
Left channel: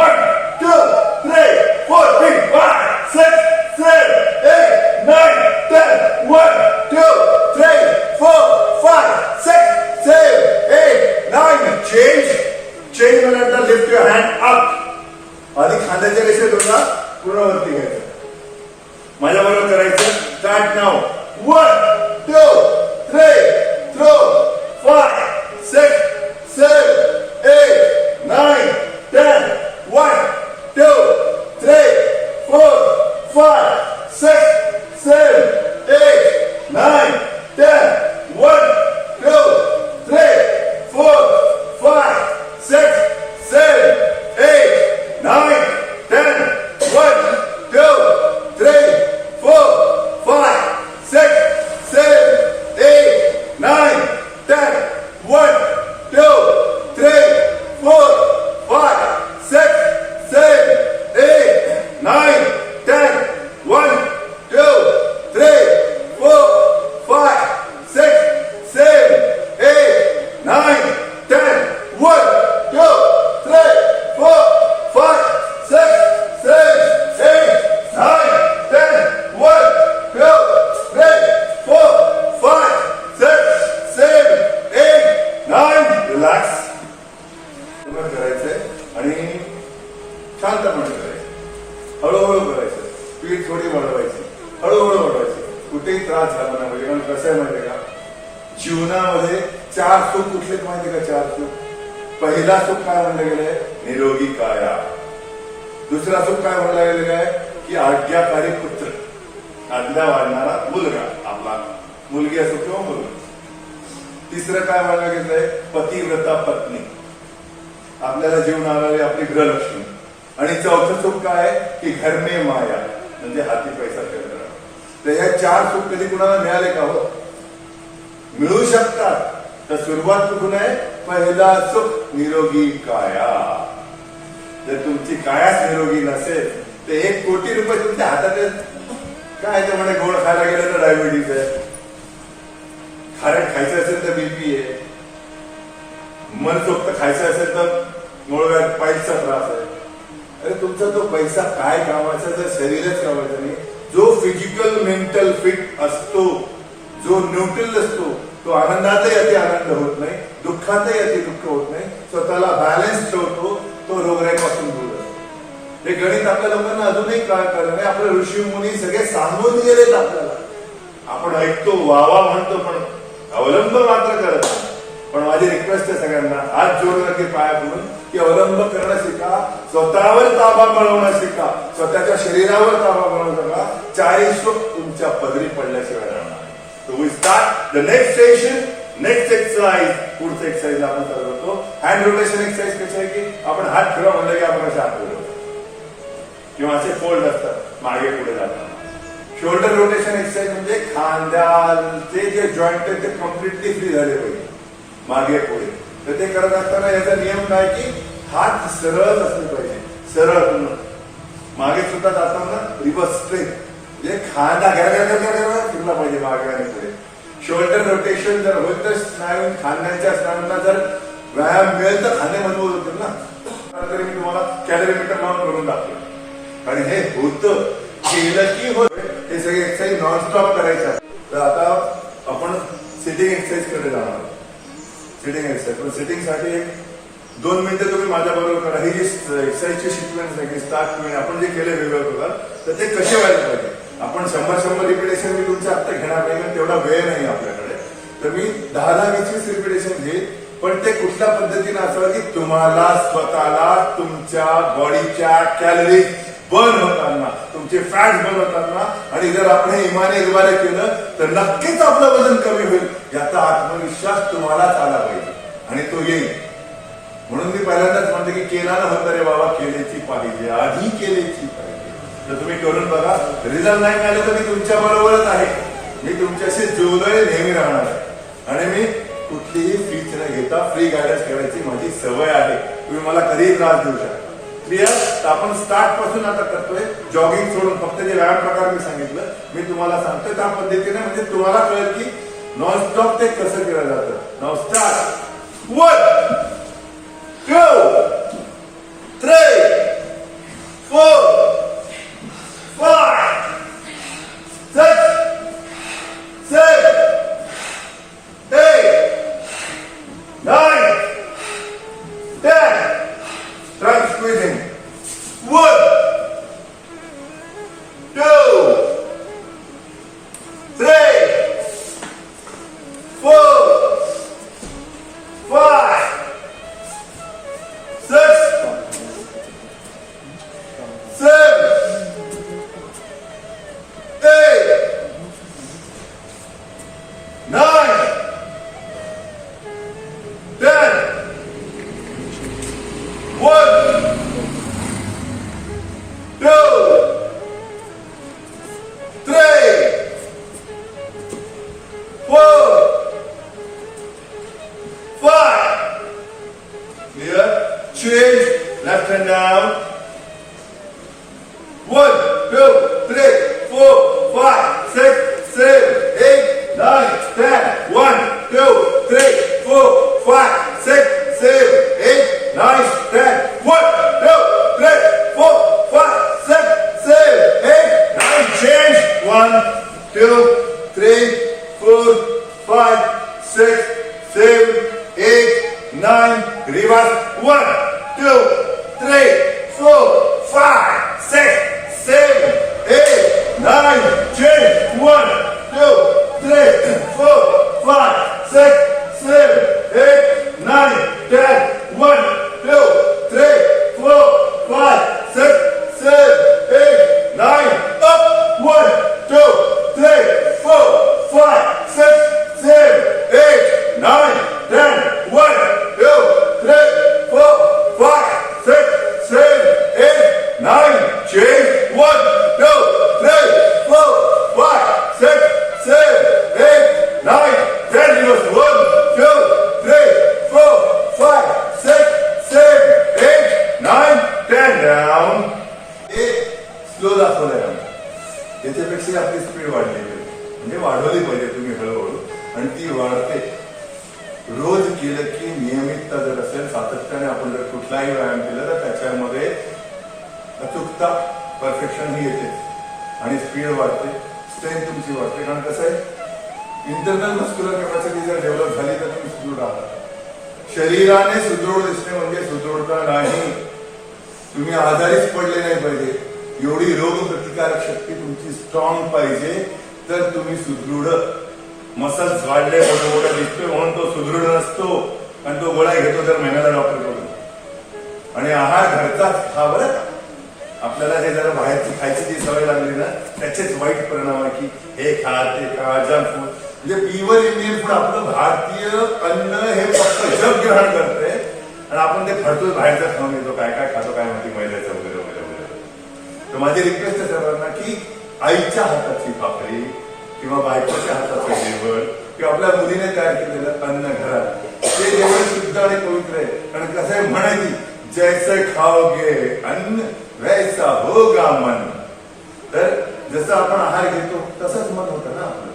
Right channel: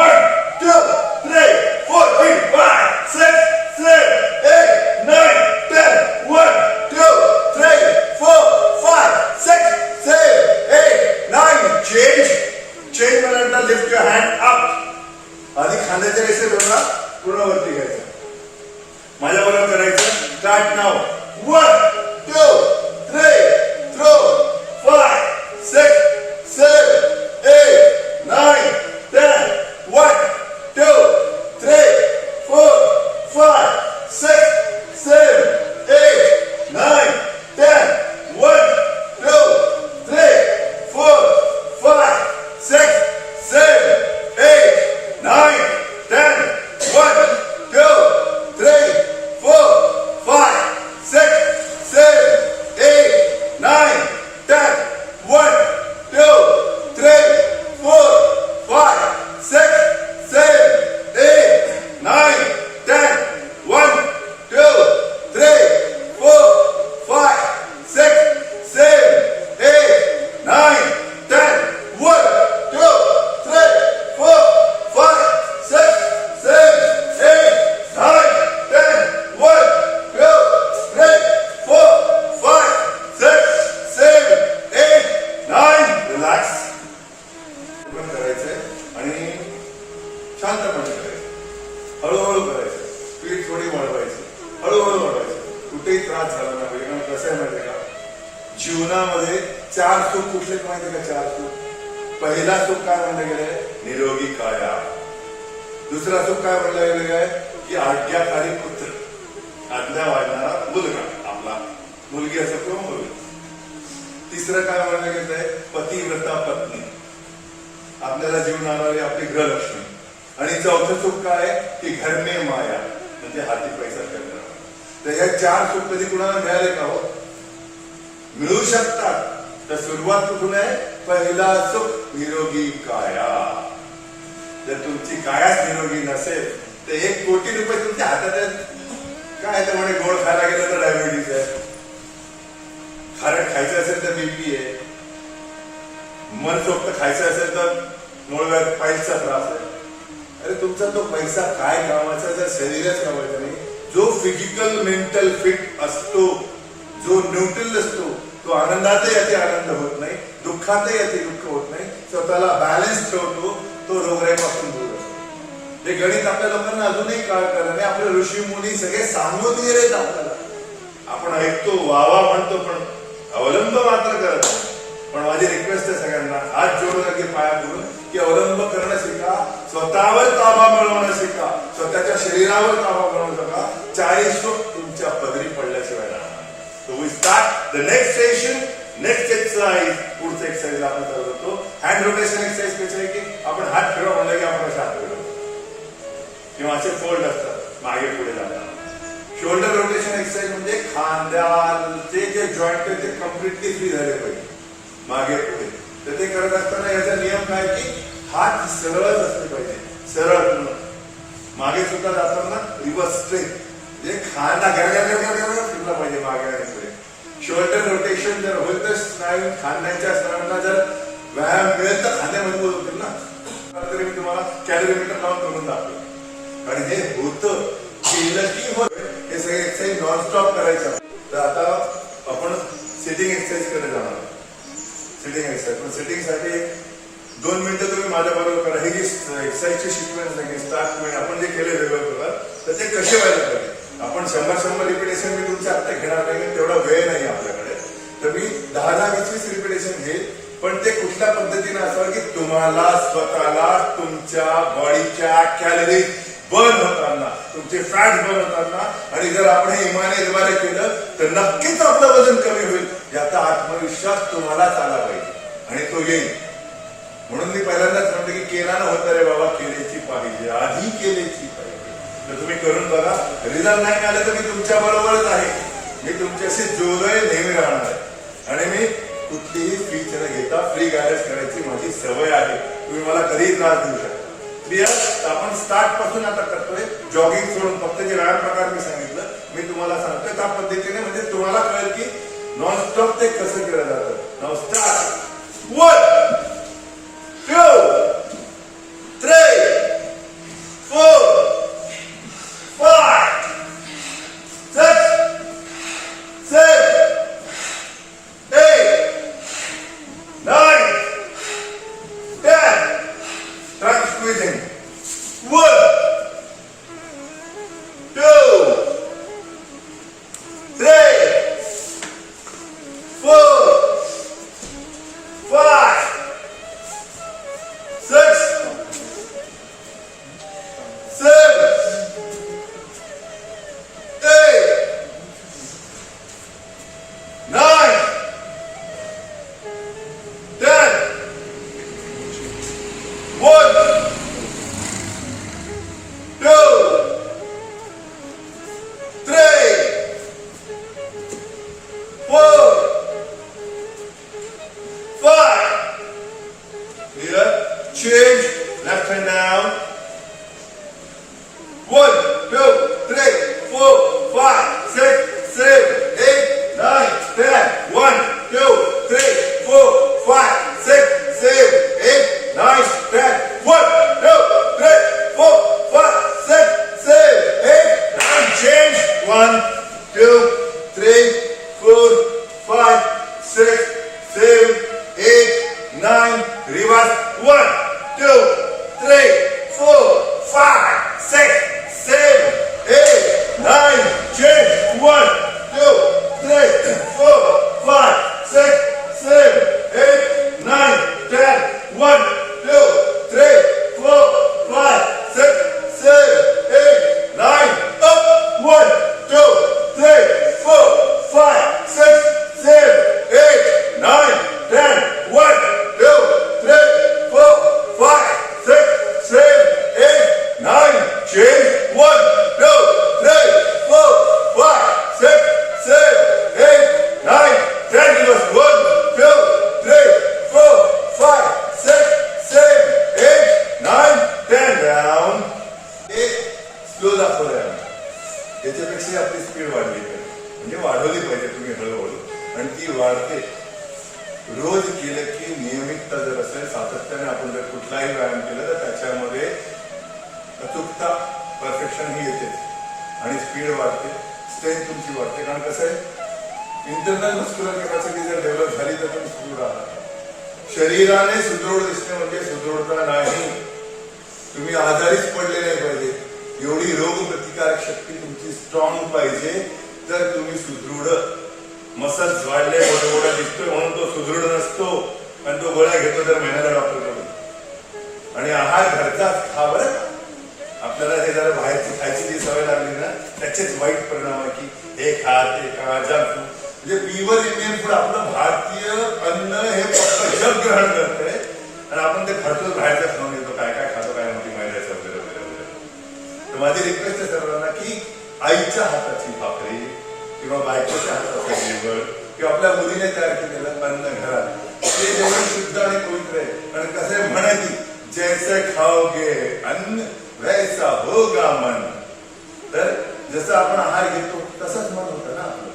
1 2 3 4 5 6 7 8 9 10 1 2 3 4 5 6 7 8 9 change. Change म्हणल्यानंतर लिफ्ट युअर हँड अप. आधी खांद्याच्या रेषेत होता पूर्ण वरती घ्यायचं. माझ्या बरोबर करायचं. स्टार्ट नाव. 1 2 3 4 5 6 7 8 9 10 1 2 3 4 5 6 7 8 9 10 1 2 3 4 5 6 7 8 9 10 1 2 3 4 5 6 7 8 शांतपणे करायचं, हळूहळू करायचं, स्पीड थोडी वाढवायची, हळूहळू वाढवायची, कुठेही त्रास झाला नाही पाहिजे. कारण कसं आहे माहितीये का, जीवनामध्ये 4 सुख कुठले माहिती का? 4 सुख. पहिला सुख काय म्हणलं गेलंय? निरोगी काया. दुसरा सुख काय म्हणलं गेलेलं आहे की आज्ञाकारी पुत्र, आज्ञा वाढणारा मुलगा, आपला मुलगी असो किंवा मुलगा. तिसरं काय म्हणलं गेलंय? पतिव्रता पत्नी, आपल्याला जीवन आणणारी आपली गृहलक्ष्मी. आणि चौथं सुख काय आहे की घर में माया, म्हणजे हाती पैसा करणं. तर ह्या 4 सुख कधी कुणाला मिळाले का? हो, मिळू शकतात. तर सुरुवात कुठून आहे? पहिला सुख निरोगी काया. जर तुमची कायाच निरोगी नसेल तर 1 कोटी रुपये तुमच्या हातात आहेत. काय तर म्हणे गोड खायला गेलं तर डायबिटीज आहे, खारट खायचं असेल तर बीपी आहे, मनसोक्त खायचं असेल तर मूळव्याध पायलचा त्रास आहे. अरे तुमचा तो पैसा काय कामाचा जर शरीरच कामाचा नाही. जो फिजिकल मेंटल फिट असतो, जो न्यूट्रल असतो, तो आनंदातही अति आनंद होत नाही, दुःखातही अति दुःख होत नाही, स्वतःला बॅलन्स ठेवतो, तो रोगराईपासून दूर असतो. हे गणित आपल्या लोकांना अजूनही काय करणे, आपले ऋषी मुनी सगळे सांगून गेलेत आपल्याला. आपण ऐकतो, वावा म्हणतो, पण अवलंब मात्र करत नाही. पण माझी रिक्वेस्ट आहे सगळ्यांना, हात जोडून अगदी पाया पडून की अवलंब करणं शिका, स्वतःवर ताबा मिळवणं शिका, स्वतःच्या शरीरावर ताबा मिळवू नका. 40 सुख तुमच्या पदरी पडल्याशिवाय राहणार. So we start the next session, next exercise. पुढचं एक्सरसाइज आपण करतो हँड रोटेशन एक्सरसाइज. कशी आहे की आपण हात फिरवा म्हणलं की आपण असे हात फिरवतो किंवा असे फोल्ड असतात मागे पुढे जातात. शोल्डर रोटेशन एक्सरसाइज म्हणजे खांद्याचे जे जॉईंट आहेत ते कम्प्लिटली फ्री झाले पाहिजे मागे पुढे. तर ते करत असताना याचा नियम काय की हात सरळ असले पाहिजे, सरळ. मागे सुद्धा जाताना रिव्हर्स स्ट्रेट, म्हणजे खांदा घरा फिरला पाहिजे मागे आणि पुढे. शोल्डर रोटेशन जर होईल तर स्नायू, खांद्यांच्या स्नायूंना जर व्यायाम मिळेल तर खांदे मजबूत होतील ना. तरी मी तुम्हाला कॅलरीमीटर लावून करून दाखवलं. आणि हे होतं, केलं की होत. हे सगळे एक्सरसाइज नॉनस्टॉप करायचं. तर आता आपण सिटिंग एक्सरसाइज कडे जाणार आहोत. सिटिंग एक्सरसाइज, पण सिटिंग साठी 2 मिनिटं तुम्ही माझ्या बरोबर करा. ही जी एक्सरसाइजची सिक्वेन्स आहे, स्टार्ट टू एंड आपण जे केले वेगवेगळे प्रकार, तर ते कसे व्हायला पाहिजे. आपण 100 रिपिटेशन मी तुमच्या आत्ता घेणार नाही, तेवढा वेळ नाही आपल्याकडे. तर मी 10-20 रिपिटेशन घेईल, पण ते कुठल्या पद्धतीने असावं की तुम्हाला स्वतःला तुमच्या बॉडीच्या कॅलरीज बर्न होताना, तुमचे फॅट बर्न होताना, आणि जर आपण हे इमाने केलं तर नक्कीच आपलं वजन कमी होईल. याचा आत्मविश्वास तुम्हालाच आला पाहिजे आणि तो येईल. म्हणून मी पहिल्यांदाच म्हणते की केला ना होता रे बाबा, केलेची पाहिजे, आधी केलेची पाहिजे. तर तुम्ही करून बघा. रिझल्ट नाही मिळाले तर मी तुमच्या बरोबरच आहे, मी तुमच्याशी जोडले नेहमी राहणार आहे. आणि मी कुठलीही फीच न घेता फ्री गायडन्स करायची माझी सवय आहे. तुम्ही मला कधीही त्रास देऊ शकता. क्लिअर? तर आपण स्टार्ट पासून आता करतोय, जॉगिंग सोडून. फक्त जे व्यायाम प्रकार मी सांगितलं मी तुम्हाला सांगतोय त्या पद्धतीने, म्हणजे तुम्हाला कळेल की नॉनस्टॉप ते कसं केलं जातं. Now start. 1 2 3 4 5 6 7 8 9 10. Try squeezing. 1 2 3 4 5 6 7 8 9 10. 1 2 3 4 5. Clear? Change. Left hand down. 1 2 3 4 5 6 7 8 9 10. 1 2 3 4 5 6 7 8 9 10. 1 2 3 4 5 6 7 8 9. Change. 1 2 3 4 5 6 7 8 9. Reverse. 1 2 3 4 slow दाखवलंय आम्ही. याच्यापेक्षा आपली स्पीड वाढली पाहिजे, म्हणजे वाढवली पाहिजे तुम्ही हळूहळू, आणि ती वाढते. रोज केलं की नियमितता जर असेल, सातत्याने आपण जर कुठलाही व्यायाम केला तर त्याच्यामध्ये अचूकता, परफेक्शन ही येते आणि स्पीड वाढते, स्ट्रेंथ तुमची वाढते. कारण कसं आहे, इंटरनल मस्क्युलर कॅपॅसिटी जर डेव्हलप झाली तर तुम्ही सुदृढ आहात. शरीराने सुदृढ दिसणे म्हणजे सुदृढता नाही. तुम्ही आजारीच पडले नाही पाहिजे, एवढी रोग प्रतिकारक शक्ती तुमची स्ट्रॉंग पाहिजे, तर तुम्ही सुदृढ. मसल्स वाढले, मोठा मोठा दिसतोय म्हणून तो सुदृढ नसतो, आणि तो गोळ्या घेतो तर महिन्याला डॉक्टर कडून. आणि आहार घरचाच खा बरं का. आपल्याला हे जरा बाहेरची खायची जी सवय लागली ना, त्याचेच वाईट परिणाम आहे की हे खा ते खा, जंक फूड. म्हणजे प्युअर इंडियन फूड, आपलं भारतीय अन्न हे फक्त जग ग्रहण करते, आणि आपण ते फालतू बाहेरचं खाऊन येतो, काय काय खातो काय म्हणते मैद्याचं वगैरे वगैरे वगैरे. तर माझी रिक्वेस्ट आहे सर्वांना की आईच्या हाताची भाकरी किंवा बायकोच्या हाताचं जेवण किंवा आपल्या मुलीने तयार केलेलं अन्न घरात, ते जेवण शुद्ध आणि पवित्र आहे. कारण कसं आहे, म्हणाली जैसे खाओगे अन्न वैसा होगा मन. तर जसं आपण आहार घेतो तसंच मन होतं ना आपलं.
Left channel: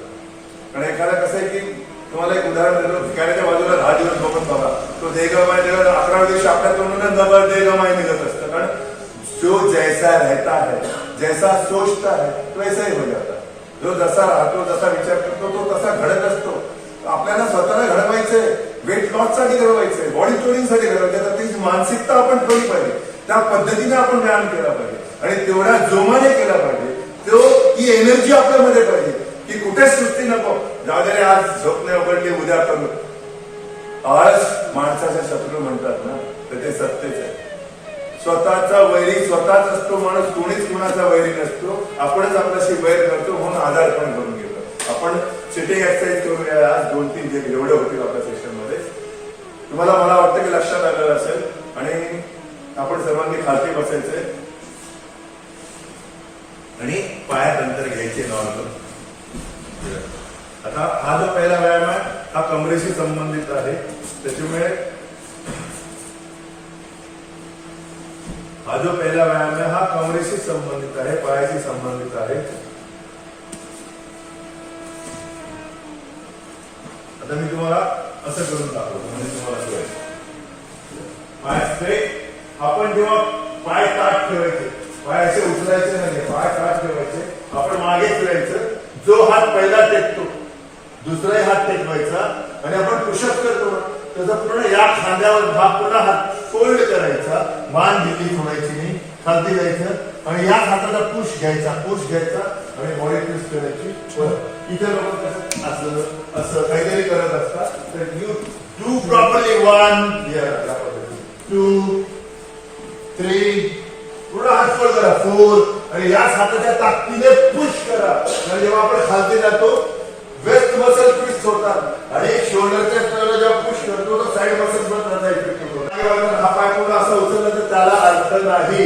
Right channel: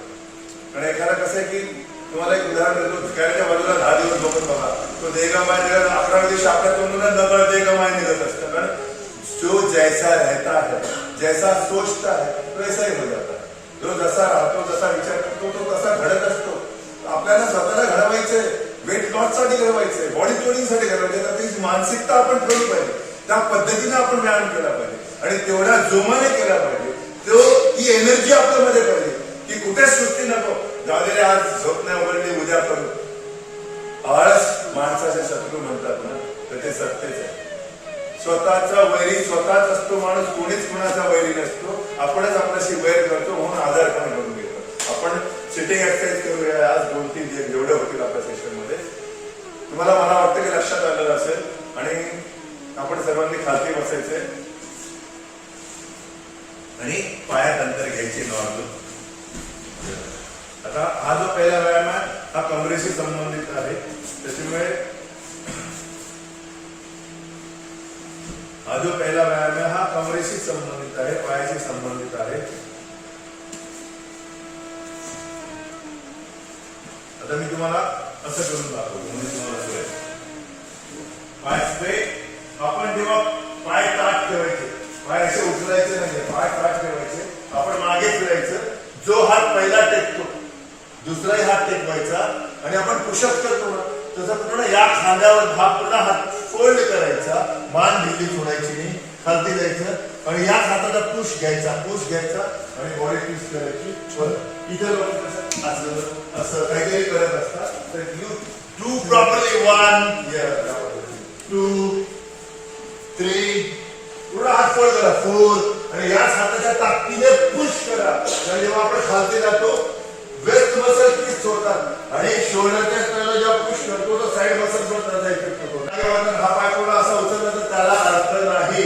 आणि एखादा कसं आहे की, तुम्हाला एक उदाहरण देतो, भिकाऱ्याच्या बाजूला 10 दिवस बघून बघा, तो देगमाय 11व्या दिवशी आपल्या तोंडून डबल देगमाय निघत असतं. कारण जो जैसा रहता है, जैसा सोचता है, तो ऐसाही हो जाता है. जो जसा राहतो, जसा विचार करतो, तो तसा घडत असतो. आपल्याला स्वतःला घडवायचंय, वेट लॉस साठी घडवायचंय, बॉडी ट्रेनिंगसाठी घडवायचंय, तर ती मानसिकता आपण ठेवली पाहिजे. त्या पद्धतीने आपण व्यायाम केला पाहिजे आणि तेवढ्या जोमाने केला पाहिजे. ती एनर्जी आपल्यामध्ये पाहिजे की कुठेच सुस्ती नको. जाऊ दे रे, आज झोप नाही उघडली, उद्या करू. आळस माणसाचे शत्रू म्हणतात ना, तर ते सत्यच आहे. स्वतःचा वैरी स्वतःच असतो माणूस, कोणीच कुणाचा वैरी नसतो. आपणच आपल्याशी वैर करतो, म्हणून आजार पण करून घेतो. आपण सिटिंग एक्सरसाइज करूया आज 2-3 जे एवढे होतील आपल्या सेशन मध्ये. तुम्हाला मला वाटतं की लक्षात आलेलं असेल. आणि आपण सर्वांनी खालती बसायचंय आणि पायात अंतर घ्यायचे नॉर्मल. आता हा जो पहिला व्यायाम आहे हा कमरेशी संबंधित आहे, त्याच्यामुळे हा जो पहिला व्यायाम आहे हा कमरेशी संबंधित आहे, पायाशी संबंधित आहे. आता मी तुम्हाला असं करून दाखवतो, म्हणजे तुम्हाला पाय स्ट्रेट. आपण जेव्हा पाय ताट ठेवायचे, पाय असे उचलायचे नाही, पाय ताट ठेवायचे, आपण मागे फिरायचं. जो हात पहिला टेकतो दुसराही हात टेकवायचा, आणि आपण पुशअप करतो ना, तसं पूर्ण या खांद्यावर हा पूर्ण हात फोल्ड करायचा, मान ढिली सोडायची नाही, खालती जायचं आणि या हाताचा पुश घ्यायचा आणि बॉडी ट्विस्ट करायची. इथे लोक कसं असं असं काहीतरी करत असतात. तर यू डू प्रॉपरली 1 2 3, पूर्ण हात फोल्ड करा, 4, आणि याच हाताच्या ताकदीने पुश करा. आणि जेव्हा आपण खालती जातो वेस्ट मसल ट्विस्ट होतात, आणि शोल्डरच्या स्तराला जेव्हा पुश करतो तो साइड मसल पण त्याचा इफेक्ट होतो. हा पाय पूर्ण असा उचलला तर त्याला अर्थ नाही.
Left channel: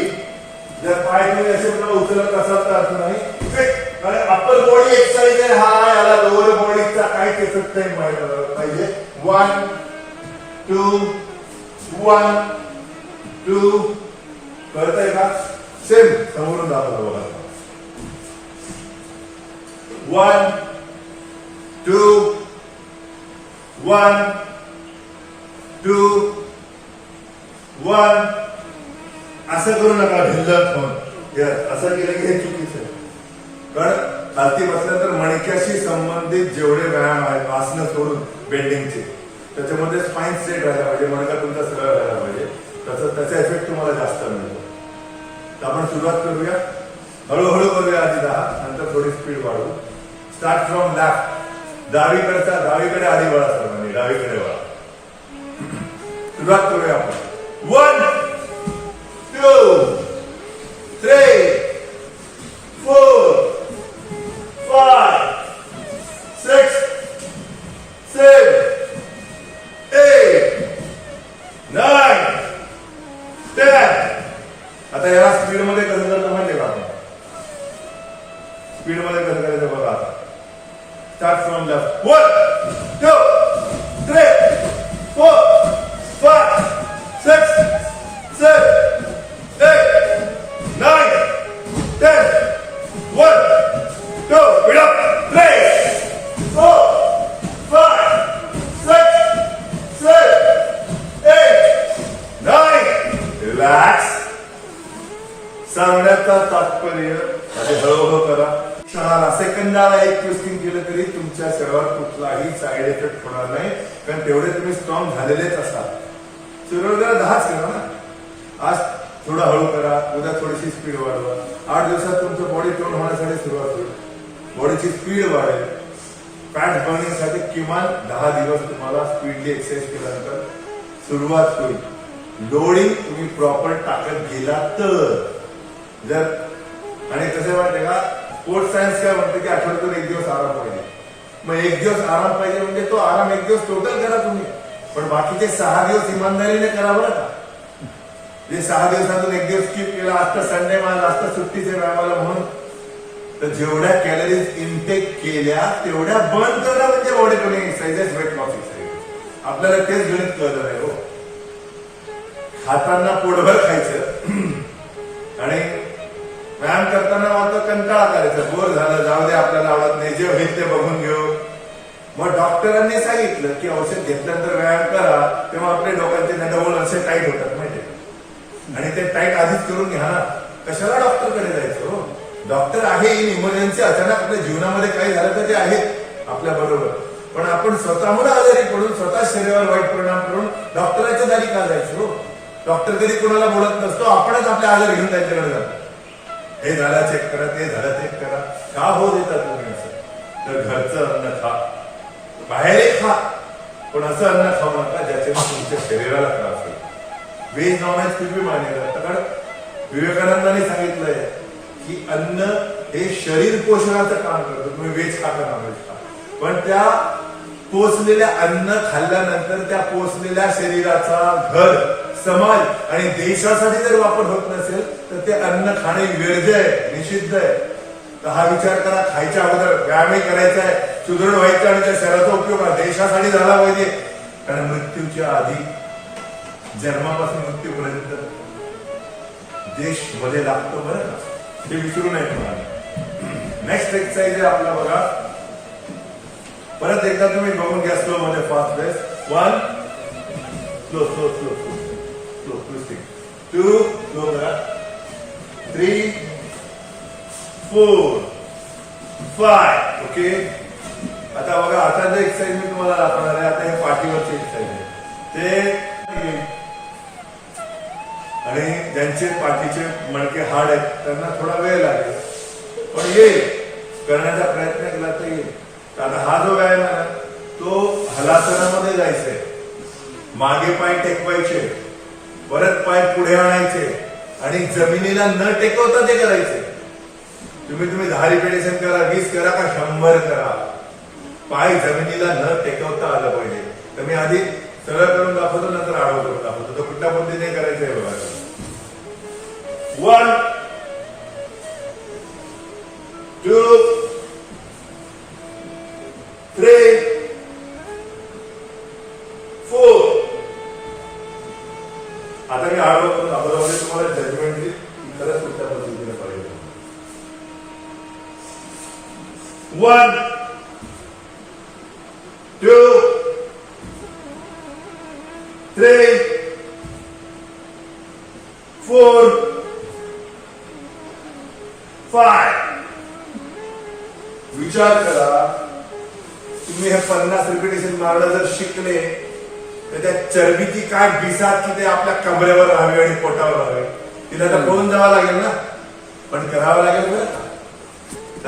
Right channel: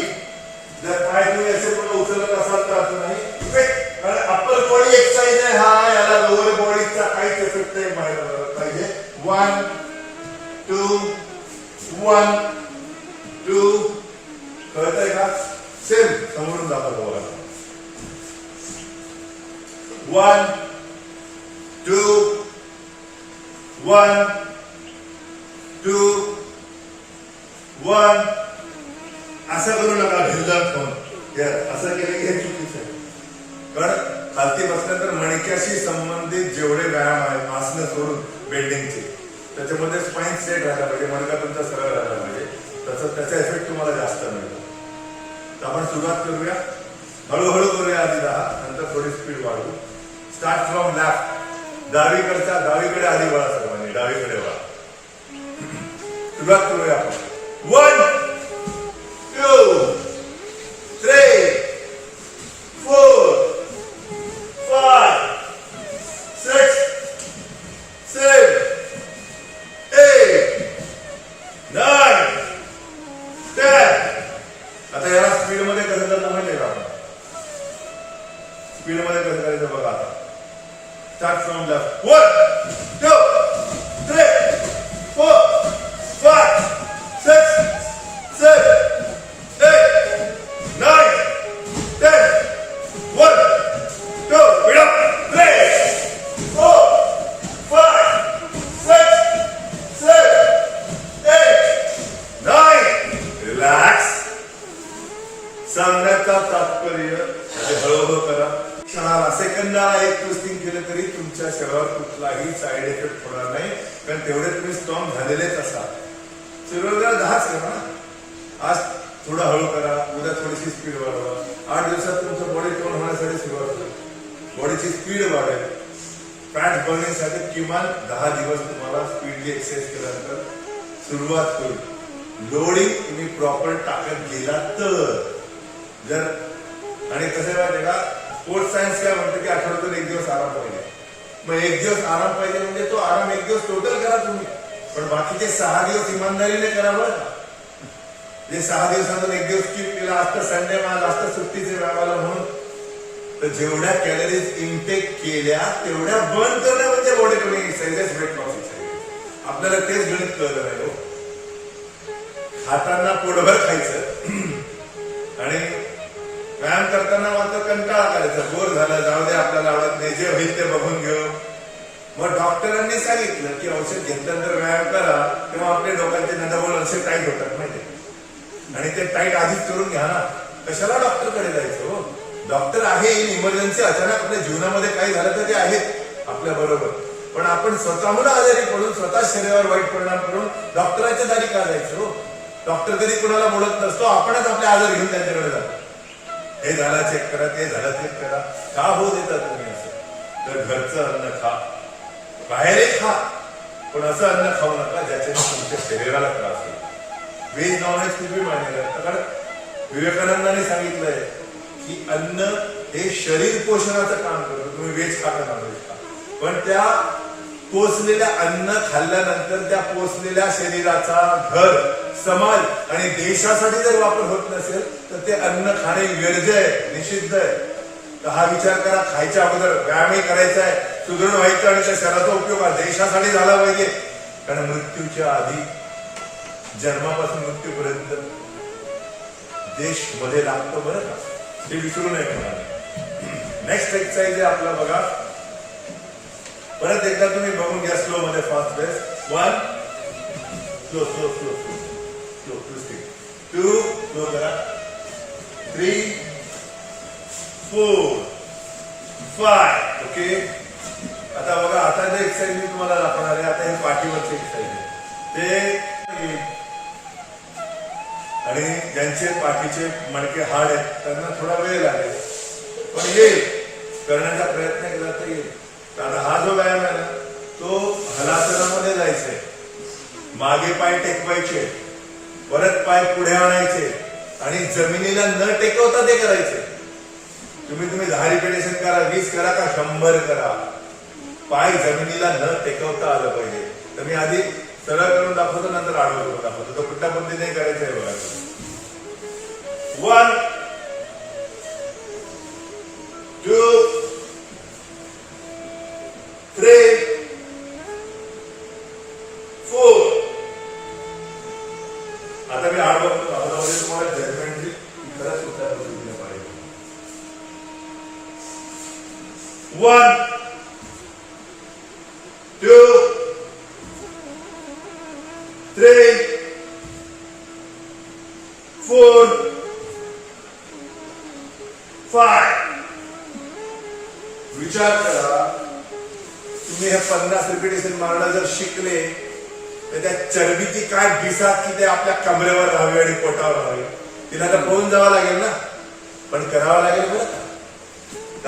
जर पाय तुम्ही असे पूर्ण उचलत असाल तर अर्थ नाही. कारण अप्पर बॉडी एक्सरसाइज आहे हा, याला लोअर बॉडीचा काहीच इफेक्ट नाही पाहिजे. 1 2 1 2, कळतंय का? सेम समोरून दाखवतो बघा. 1 2 1 2 1. असं करू नका ढिल्लत होऊन. असं केलं की हे चुकीचं आहे. कारण खालती बसल्यानंतर मणक्याशी संबंधित जेवढे व्यायाम आहेत, आसनं सोडून बेंडिंगचे, त्याच्यामध्ये स्पाइन स्ट्रेट राहायला पाहिजे, मणका तुमचा सरळ राहायला पाहिजे. त्याचा इफेक्ट तुम्हाला जास्त मिळतो. तर आपण सुरुवात करूया, हळूहळू करूया. आधी 10, नंतर थोडी स्पीड वाढवू. Start from left. डावीकडे आधी वळा सर्वांनी, डावीकडे वळा. सुरुवात करूया आपण. 1 2 3 4 5 6 7 8 9 10. आता याला स्पीड मध्ये कसं करायचं माहिती का? स्पीड मध्ये कसं करायचं बघा. आता स्टार्ट फ्रॉम लेफ्ट. 1 2 3 4 5 6 7 8 9 10. सांगण्याचा तात्पर्य ते हळूहळू करा. 6 सेकंदाला एक ट्विस्टिंग केलं तरी तुमच्या शरीरावर कुठलाही साईड इफेक्ट होणार नाही, कारण तेवढे तुम्ही स्ट्रॉंग झालेलेच असाल. सुरुवातीला 10च करा ना. आज थोडं हळू करा, उद्या थोडीशी स्पीड वाढवा. 8 दिवसात तुमचं बॉडी टोन होण्यासाठी सुरुवात होईल. बॉडीची स्पीड वाढेल. फॅट बर्निंग साठी किमान 10 दिवस तुम्हाला स्पीडली एक्सरसाइज केल्यानंतर सुरुवात होईल. लोडिंग तुम्ही प्रॉपर टाकत गेला तर. जर आणि कसं माहितीये का, स्पोर्ट्स सायन्स काय म्हणतं की आठवड्यातून 1 दिवस आराम पाहिजे. मग 1 दिवस आराम पाहिजे म्हणजे तो आराम 1 दिवस टोटल करा तुम्ही, पण बाकीचे 6 दिवस इमानदारीने करा बरं का. जे 6 दिवसातून 1 दिवस स्किप केला, आज तर संडे माझा आज तर सुट्टीचे व्यायामाला म्हणून, तर जेवढ्या कॅलरीज इनटेक केल्या तेवढ्या बर्न करणं म्हणजे बॉडी कमी एक्सरसाइजेस, वेट लॉस एक्सरसाइज. आपल्याला तेच गणित कळलं नाही हो. खाताना पोटभर खायचं आणि व्यायाम करताना मात्र कंटाळा करायचा, बोर झालं, जाऊ दे आपल्याला आवडत नाही, जे होईल ते बघून घेऊ. मग डॉक्टरांनी सांगितलं की औषध घेतल्यानंतर व्यायाम करा, तेव्हा आपले डोक्याचे नडबोल असे टाईट होतात माहिती, आणि ते टाईट आधीच करून घ्या ना. कशाला डॉक्टरकडे जायचं हो. डॉक्टर आहे इन इमर्जन्सी, अचानक आपल्या जीवनामध्ये काही झालं तर ते आहेत आपल्या बरोबर, पण आपण स्वतःहून आजारी पडून स्वतः शरीरावर वाईट परिणाम करून डॉक्टरांच्या दारी का जायचं हो. डॉक्टर कधी कोणाला बोलत नसतो, आपणच आपले आजार घेऊन त्यांच्याकडे जातो. हे झालं चेक करा, ते झालं चेक करा. का हो देतात तुम्ही असं? तर घरचं अन्न खा, बाहेरही खा, पण असं अन्न खाऊ नका ज्याच्याने तुमच्या शरीराला त्रास होईल. व्हेज नॉनव्हेज कुछ भी मान्य करतं, कारण विवेकानंदांनी सांगितलंय की अन्न हे शरीर पोषणाचं काम करतं. तुम्ही व्हेज खा का नॉनव्हेज खा, पण त्या पोचलेल्या अन्न खाल्ल्यानंतर त्या पोचलेल्या शरीराचा घर, समाज आणि देशासाठी जर वापर होत नसेल तर ते अन्न खाणे वर्ज्य आहे, निषिद्ध आहे. तर हा विचार करा. खायच्या अगोदर व्यायामही करायचा आहे, सुदृढ व्हायचं आणि त्या शरीराचा उपयोग हा देशासाठी झाला पाहिजे. कारण मृत्यूच्या आधी, जन्मापासून मृत्यूपर्यंत देश मध्ये लागतो बरं का, ते विसरू नये तुम्हाला. नेक्स्ट एक्सरसाइज आहे आपला बघा. परत एकदा तुम्ही बघून घ्या स्लो मध्ये, fast base. 1 slow slow slow slow twisting. 2 slow करा. 3 4 5 ओके. आता बघा, आता जे एक्सरसाइज मी तुम्हाला दाखवणार आहे, आता हे पाठीवरचे एक्सरसाइज आहे ते. आणि ज्यांचे पाठीचे मणके हाड आहेत त्यांना थोडा वेळ लागेल, पण येईल. करण्याचा प्रयत्न केला तर येईल. आता हा जो व्यायाम आहे ना, तो हलासनामध्ये जायचंय. मागे पाय टेकवायचे, परत पाय पुढे आणायचे आणि जमिनीला न टेकवता ते करायचे. तुम्ही 10 रिपिटेशन करा, 20 करा का 100 करा, पाय जमिनीला न टेकवता आलं पाहिजे. तर मी आधी सरळ करून दाखवतो, नंतर आडवं करून दाखवतो. तो कुठल्या पद्धतीने करायचं आहे बघा. 1 2 3 4. आता मी आडवं करून दाखवतो म्हणजे तुम्हाला जजमेंट येईल की खरंच कुठल्या पद्धतीने पाहिजे. 1 2 3 4 5. विचार करा, तुम्ही हे 50 रिपिटेशन मारणं जर शिकले तर त्या चरबीची काय बिसात की ते आपल्या कमरेवर राहावी आणि पोटावर राहावी. तिला तर पळून जावं लागेल ना, पण करावं लागेल बरं.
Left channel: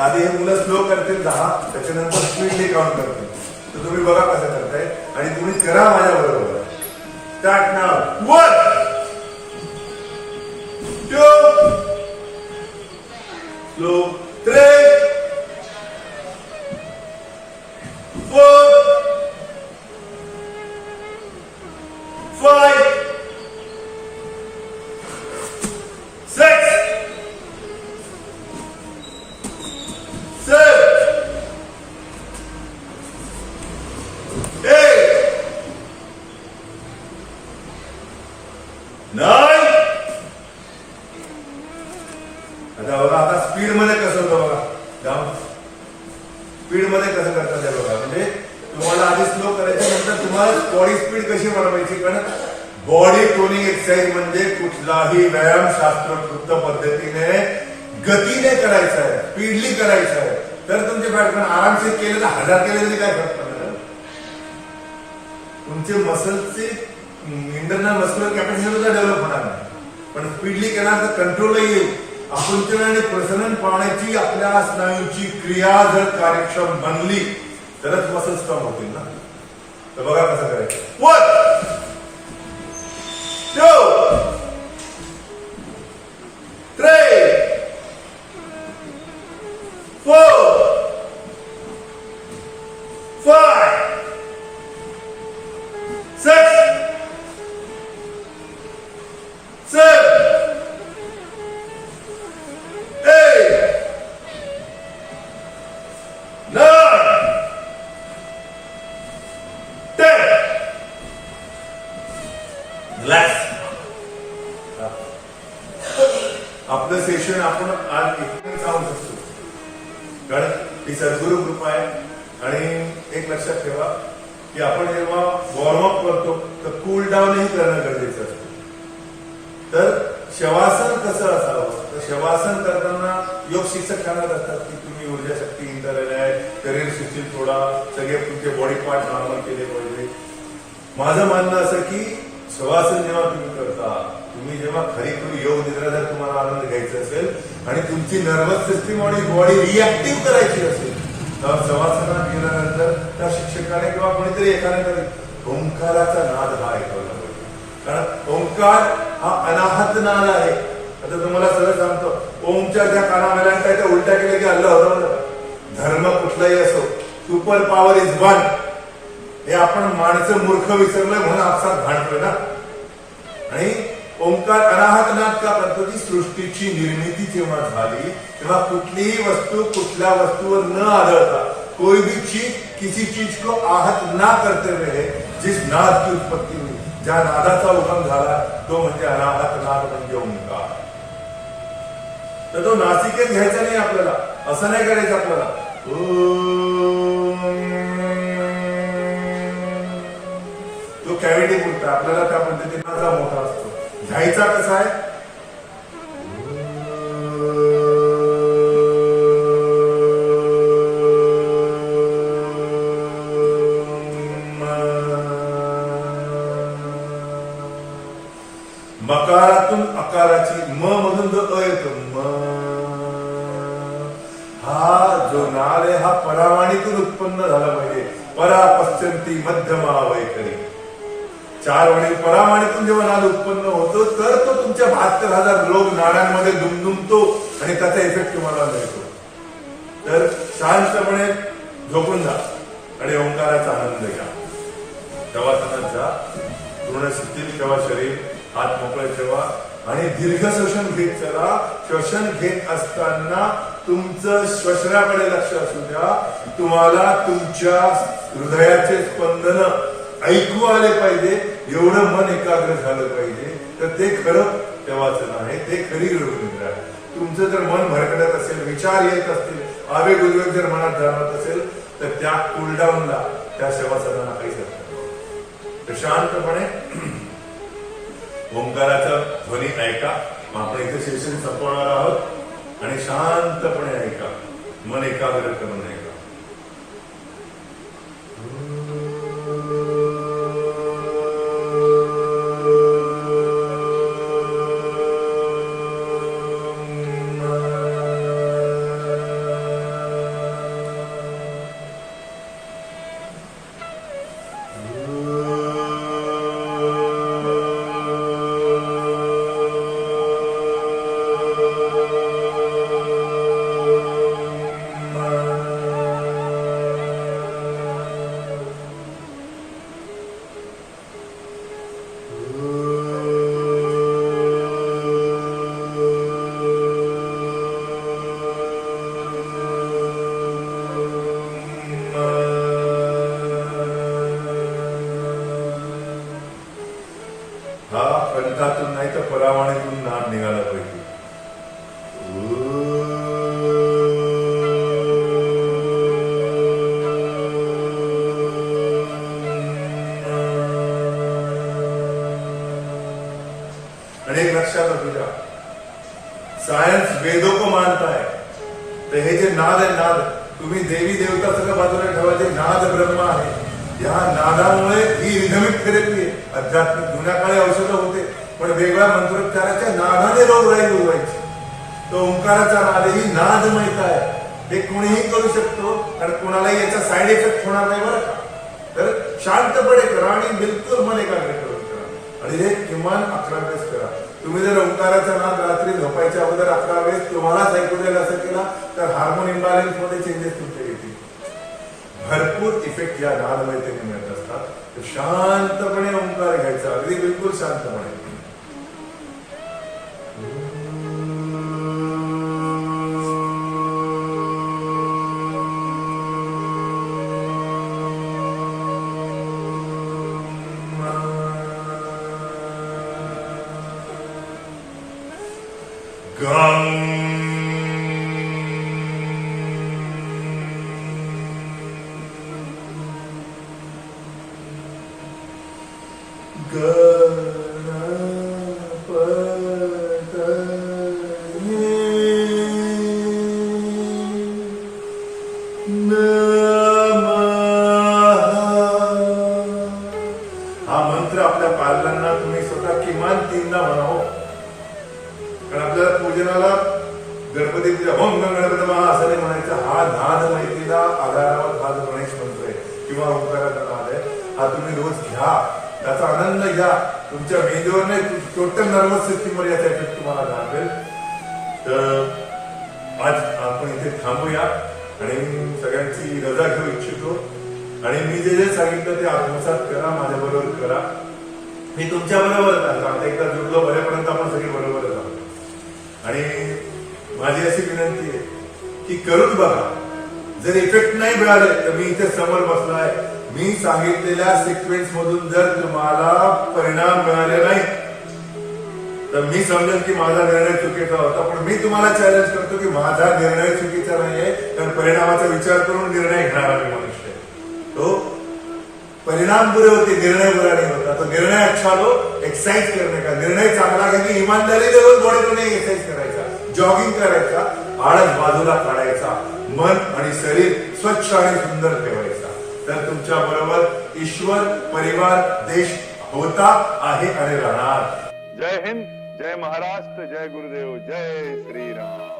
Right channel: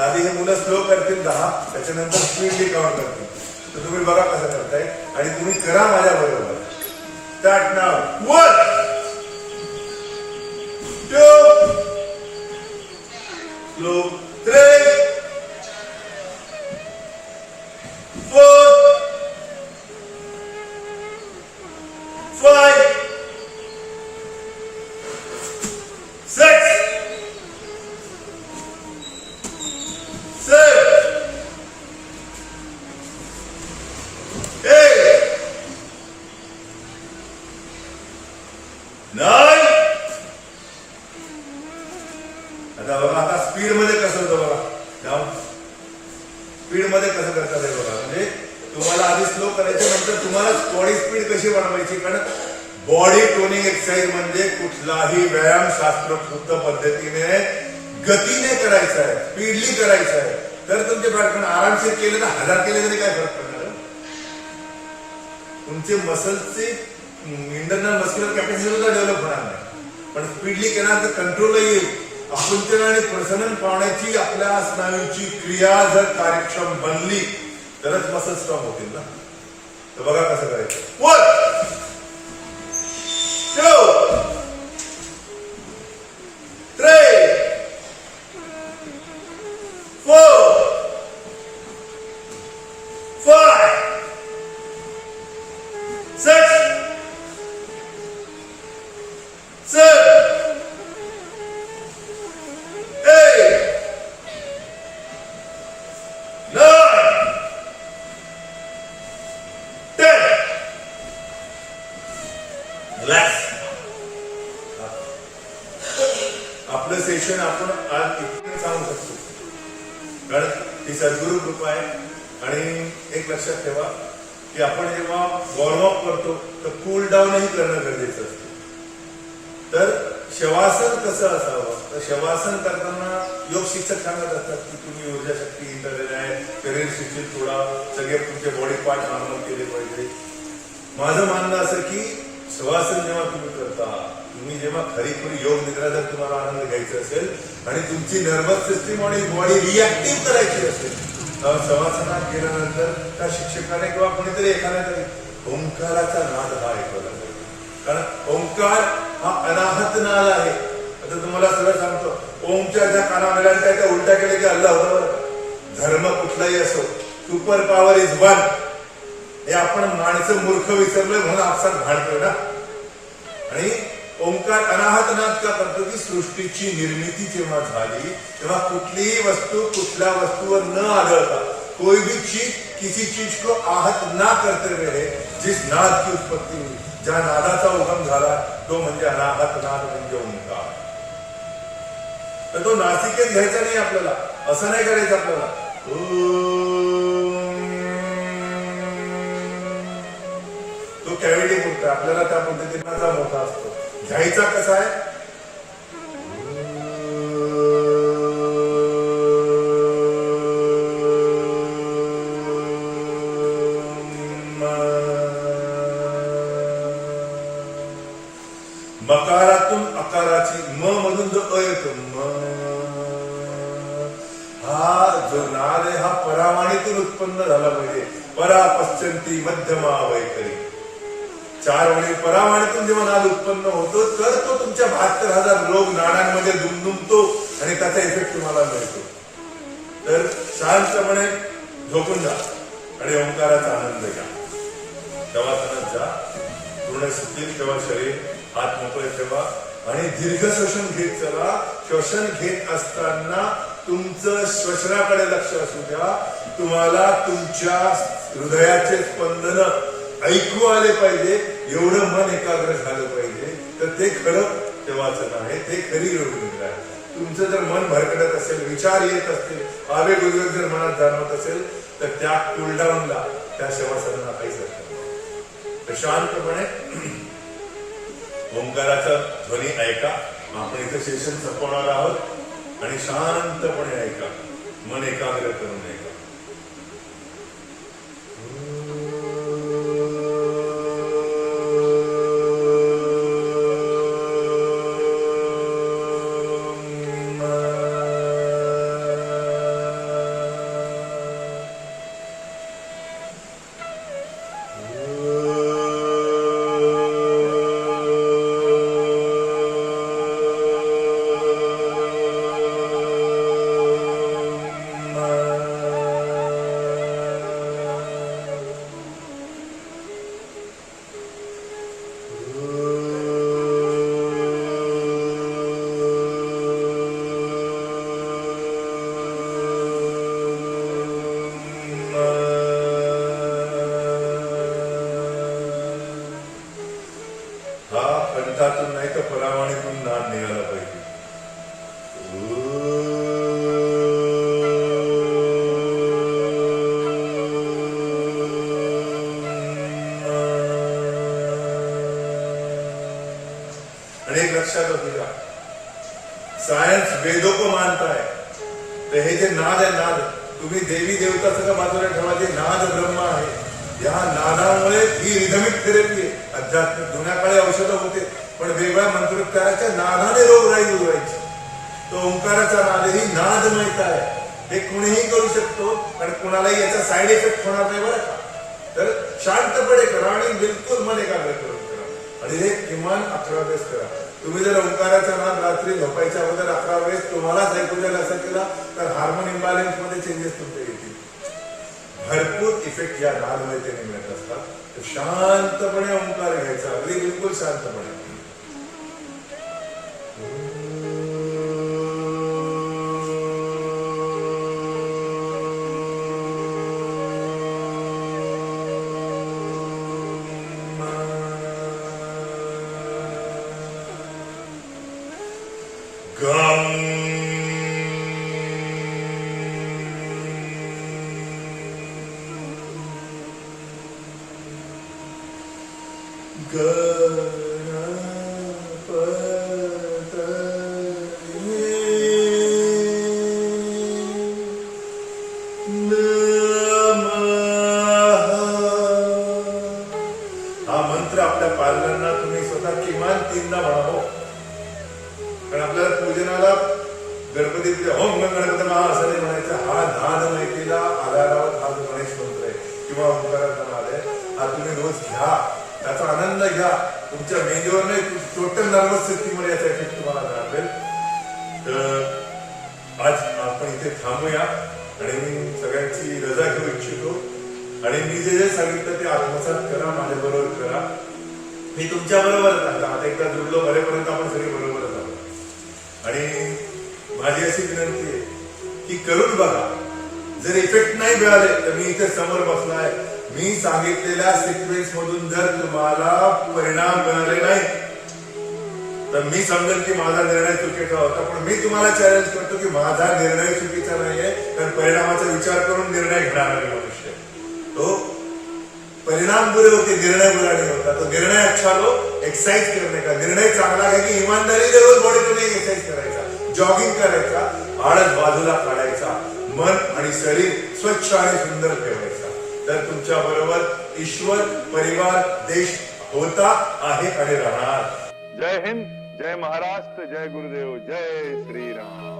आधी हे मुलं स्लो करतील 10, त्याच्यानंतर स्पीडली काउंट करतील. तर तुम्ही बघा कसं करताय आणि तुम्ही करा माझ्या बरोबर. स्टार्ट नाव. 1 2 स्लो 3 4 5 6 7 8 9. आता बघा, आता स्पीड मध्ये कसं होतं बघा. जाऊन स्पीड मध्ये कसं करतात हे बघा. म्हणजे तुम्हाला आधी स्लो करायचं, नंतर तुम्हाला बॉडी स्पीड कशी वाढवायची, कारण बॉडी टोनिंग एक्सरसाइज म्हणजे कुठलाही व्यायाम शास्त्रोक्त पद्धतीने गतीने करायचा आहे, स्पीडली करायचा आहे. तर तुमचे बाळकण आरामशीर केले तर 1000 केले तरी काय फरक पडणार. तुमचे मसलचे इंटरनल मस्क्युलर कॅपॅसिटी सुद्धा डेव्हलप होणार नाही, पण स्पीडली केल्यानंतर कंट्रोल येईल. आकुंचन आणि प्रसरण पावण्याची आपल्या स्नायूंची क्रिया जर कार्यक्षम बनली तरच मसल स्ट्रॉंग होतील ना. तर बघा कसं करायचं. 1 2 3 4 5 6 7 8 9 10. रिलॅक्स. आपलं सेशन आपण आज इथे सांगू शकतो, कारण ही सद्गुरु कृपा आहे. आणि एक लक्षात ठेवा की आपण जेव्हा वॉर्मअप करतो तर कूल डाऊनही करणं गरजेचं असतं. तर शवासन कसं असावं, तर शवासन करताना योग शिक्षक सांगत असतात की तुम्ही ऊर्जा शक्ती इंटरनेट आहे, शरीर शिथिल थोडा, सगळे तुमचे बॉडी पार्ट नॉर्मल केले पाहिजे. माझं म्हणणं असं की शवासन जेव्हा तुम्ही करता, तुम्ही जेव्हा खरी योग निद्रा जर तुम्हाला आनंद घ्यायचा असेल आणि तुमची नर्वस सिस्टीम आणि बॉडी रिॲक्टिव्ह करायची असेल, तर शवासनात गेल्यानंतर त्या शिक्षकाने किंवा कोणीतरी एखाद्याने ओंकाराचा नाद हा ऐकवला पाहिजे. कारण ओंकार हा अनाहत नाद आहे. आता तुम्हाला सरळ सांगतो, ओमच्या ज्या काना मिळाल्या त्या उलट्या केल्या की अल्लाह होता बरं का. धर्म कुठलाही असो, सुपर पॉवर इज वन. हे आपण माणसं मूर्ख विसरलोय म्हणून आपसात भांडतोय ना. आणि ओंकार अनाहत नाद का करतो की सृष्टीची निर्मिती जेव्हा झाली तेव्हा कुठलीही वस्तू कुठल्या वस्तूवर न आढळता, कोई भी चीज किसी चीज को आहत ना करते हुए जिस नाद की उत्पत्ती हुई, ज्या नादाचा उगम झाला तो म्हणजे अनाहत नाद, म्हणजे ओंकार. तर तो नासिकेत घ्यायचा नाही आपल्याला, असं नाही करायचं आपल्याला. तो कॅव्हिटी पुरता आपल्याला त्या पद्धतीचा मोठा असतो. घ्यायचा कसा आहे, मकारातून अकाराची म मधून जो अ येतो, म हा जो नाद आहे हा परावाणीतून उत्पन्न झाला पाहिजे. परा पश्चंती मध्यमा वैखरी, 4 वळी परावाणीतून जेव्हा नाद उत्पन्न होतो तर तो तुमच्या 72,000 रोग नाड्यांमध्ये दुमदुमतो आणि त्याचा इफेक्ट तुम्हाला मिळतो. तर शांतपणे झोपून जा आणि ओंकाराचा आनंद घ्या. शवासनात जा, पूर्ण शिथिल ठेवा शरीर, हात मोकळे ठेवा आणि दीर्घ श्वसन घेत चला. श्वसन घेत असताना तुमचं श्वसनाकडे लक्ष असू द्या. तुम्हाला तुमच्या हृदयाचे स्पंदन ऐकू आले पाहिजे, एवढं मन एकाग्र झालं पाहिजे. तर ते खरं शवासन आहे, ते खरी योगनिद्रा आहे. तुमचं जर मन भरकटत असेल, विचार येत असतील, आवेग उद्वेग जर मनात जाणवत असेल तर त्या कूलडाऊनला, त्या शवासनाला काहीच अर्थ नाही. तर शांतपणे ओंकाराचा ध्वनी ऐका. आपण इथं सेशन संपवणार आहोत आणि शांतपणे ऐका, मन एकाग्र करून ऐका. वेदों को मानता है तर हे जे नाद आहे नाद तुम्ही देवी देवता सगळं बाजूला ठेवा जे नाद ब्रह्म आहे या नादामुळे ही रिदमिक थेरपी आहे अध्यात्मिक जुन्या काळी औषधं होते पण वेगळ्या मंत्रोच्चाराच्या नादाने रोगराई दूर व्हायची तो ओंकाराचा नाद ही नादमयता आहे हे कोणीही करू शकतो आणि कोणालाही याचा साईड इफेक्ट होणार नाही बरं का तर शांतपणे करा आणि बिलकुल मन एकाग्र करून करा आणि हे किमान 11 वेळेस करा तुम्ही जर ओंकाराचा नाद रात्री झोपायच्या अगोदर 11 वेळेस तुम्हालाच ऐकू जाईल असं केला तर हार्मोन इम्बॅलन्स मध्ये चेंजेस तुमचे येतील भरपूर इफेक्ट या नादमयतेने मिळत असतात तर शांतपणे ओंकार घ्यायचा अगदी बिलकुल शांतपणे हा मंत्र आपल्या पालकांना तुम्ही स्वतः किमान 3दा म्हणावं कारण आपल्याला पूजनाला गणपती पूजा होम गणपती मला असं नाही म्हणायचं हा नाद माहितीला आधारावर हा जो गणेश मंत्र आहे किंवा ओंकाराचा नाद आहे हा तुम्ही रोज घ्या त्याचा आनंद घ्या तुमच्या मेंदूवर नाही टोटल नर्वस सिस्टीमवर याचा इफेक्ट तुम्हाला जाणवेल तर आज आपण इथे थांबूया आणि सगळ्यांची रजा घेऊ इच्छितो आणि मी जे जे सांगितलं ते आत्मसात करा माझ्या बरोबर करा मी तुमच्या बरोबरच आहे आता एकदा जुडलो बरेपर्यंत आपण सगळे बरोबरच आहोत आणि माझी अशी विनंती आहे की करून बघा जर इफेक्ट नाही मिळाले तर मी इथे समोर बसलाय मी सांगितलेल्या सिक्वेन्स मधून जर तुम्हाला परिणाम मिळाले नाही तर मी समजेल की माझा निर्णय चुकीचा होता पण मी तुम्हाला चॅलेंज करतो की माझा निर्णय चुकीचा नाहीये कारण परिणामाचा विचार करून निर्णय घेणारा मी मनुष्य तो परिणाम बुरे होते निर्णय बुरा नहीं होता तो निर्णय अच्छा लो एक्सरसाइज करने का निर्णय चांगला घ्या की इमानदारी रोज बॉडीमध्ये एक्सरसाइज करायचा जॉगिंग करायचा आळस बाजूला काढायचा मन आणि शरीर स्वच्छ आणि सुंदर ठेवायचा तर तुमच्या बरोबर ईश्वर परिवार देश होता आहे आणि राहणार जय हिंद जय महाराष्ट्र जय गुरुदेव जय श्री राम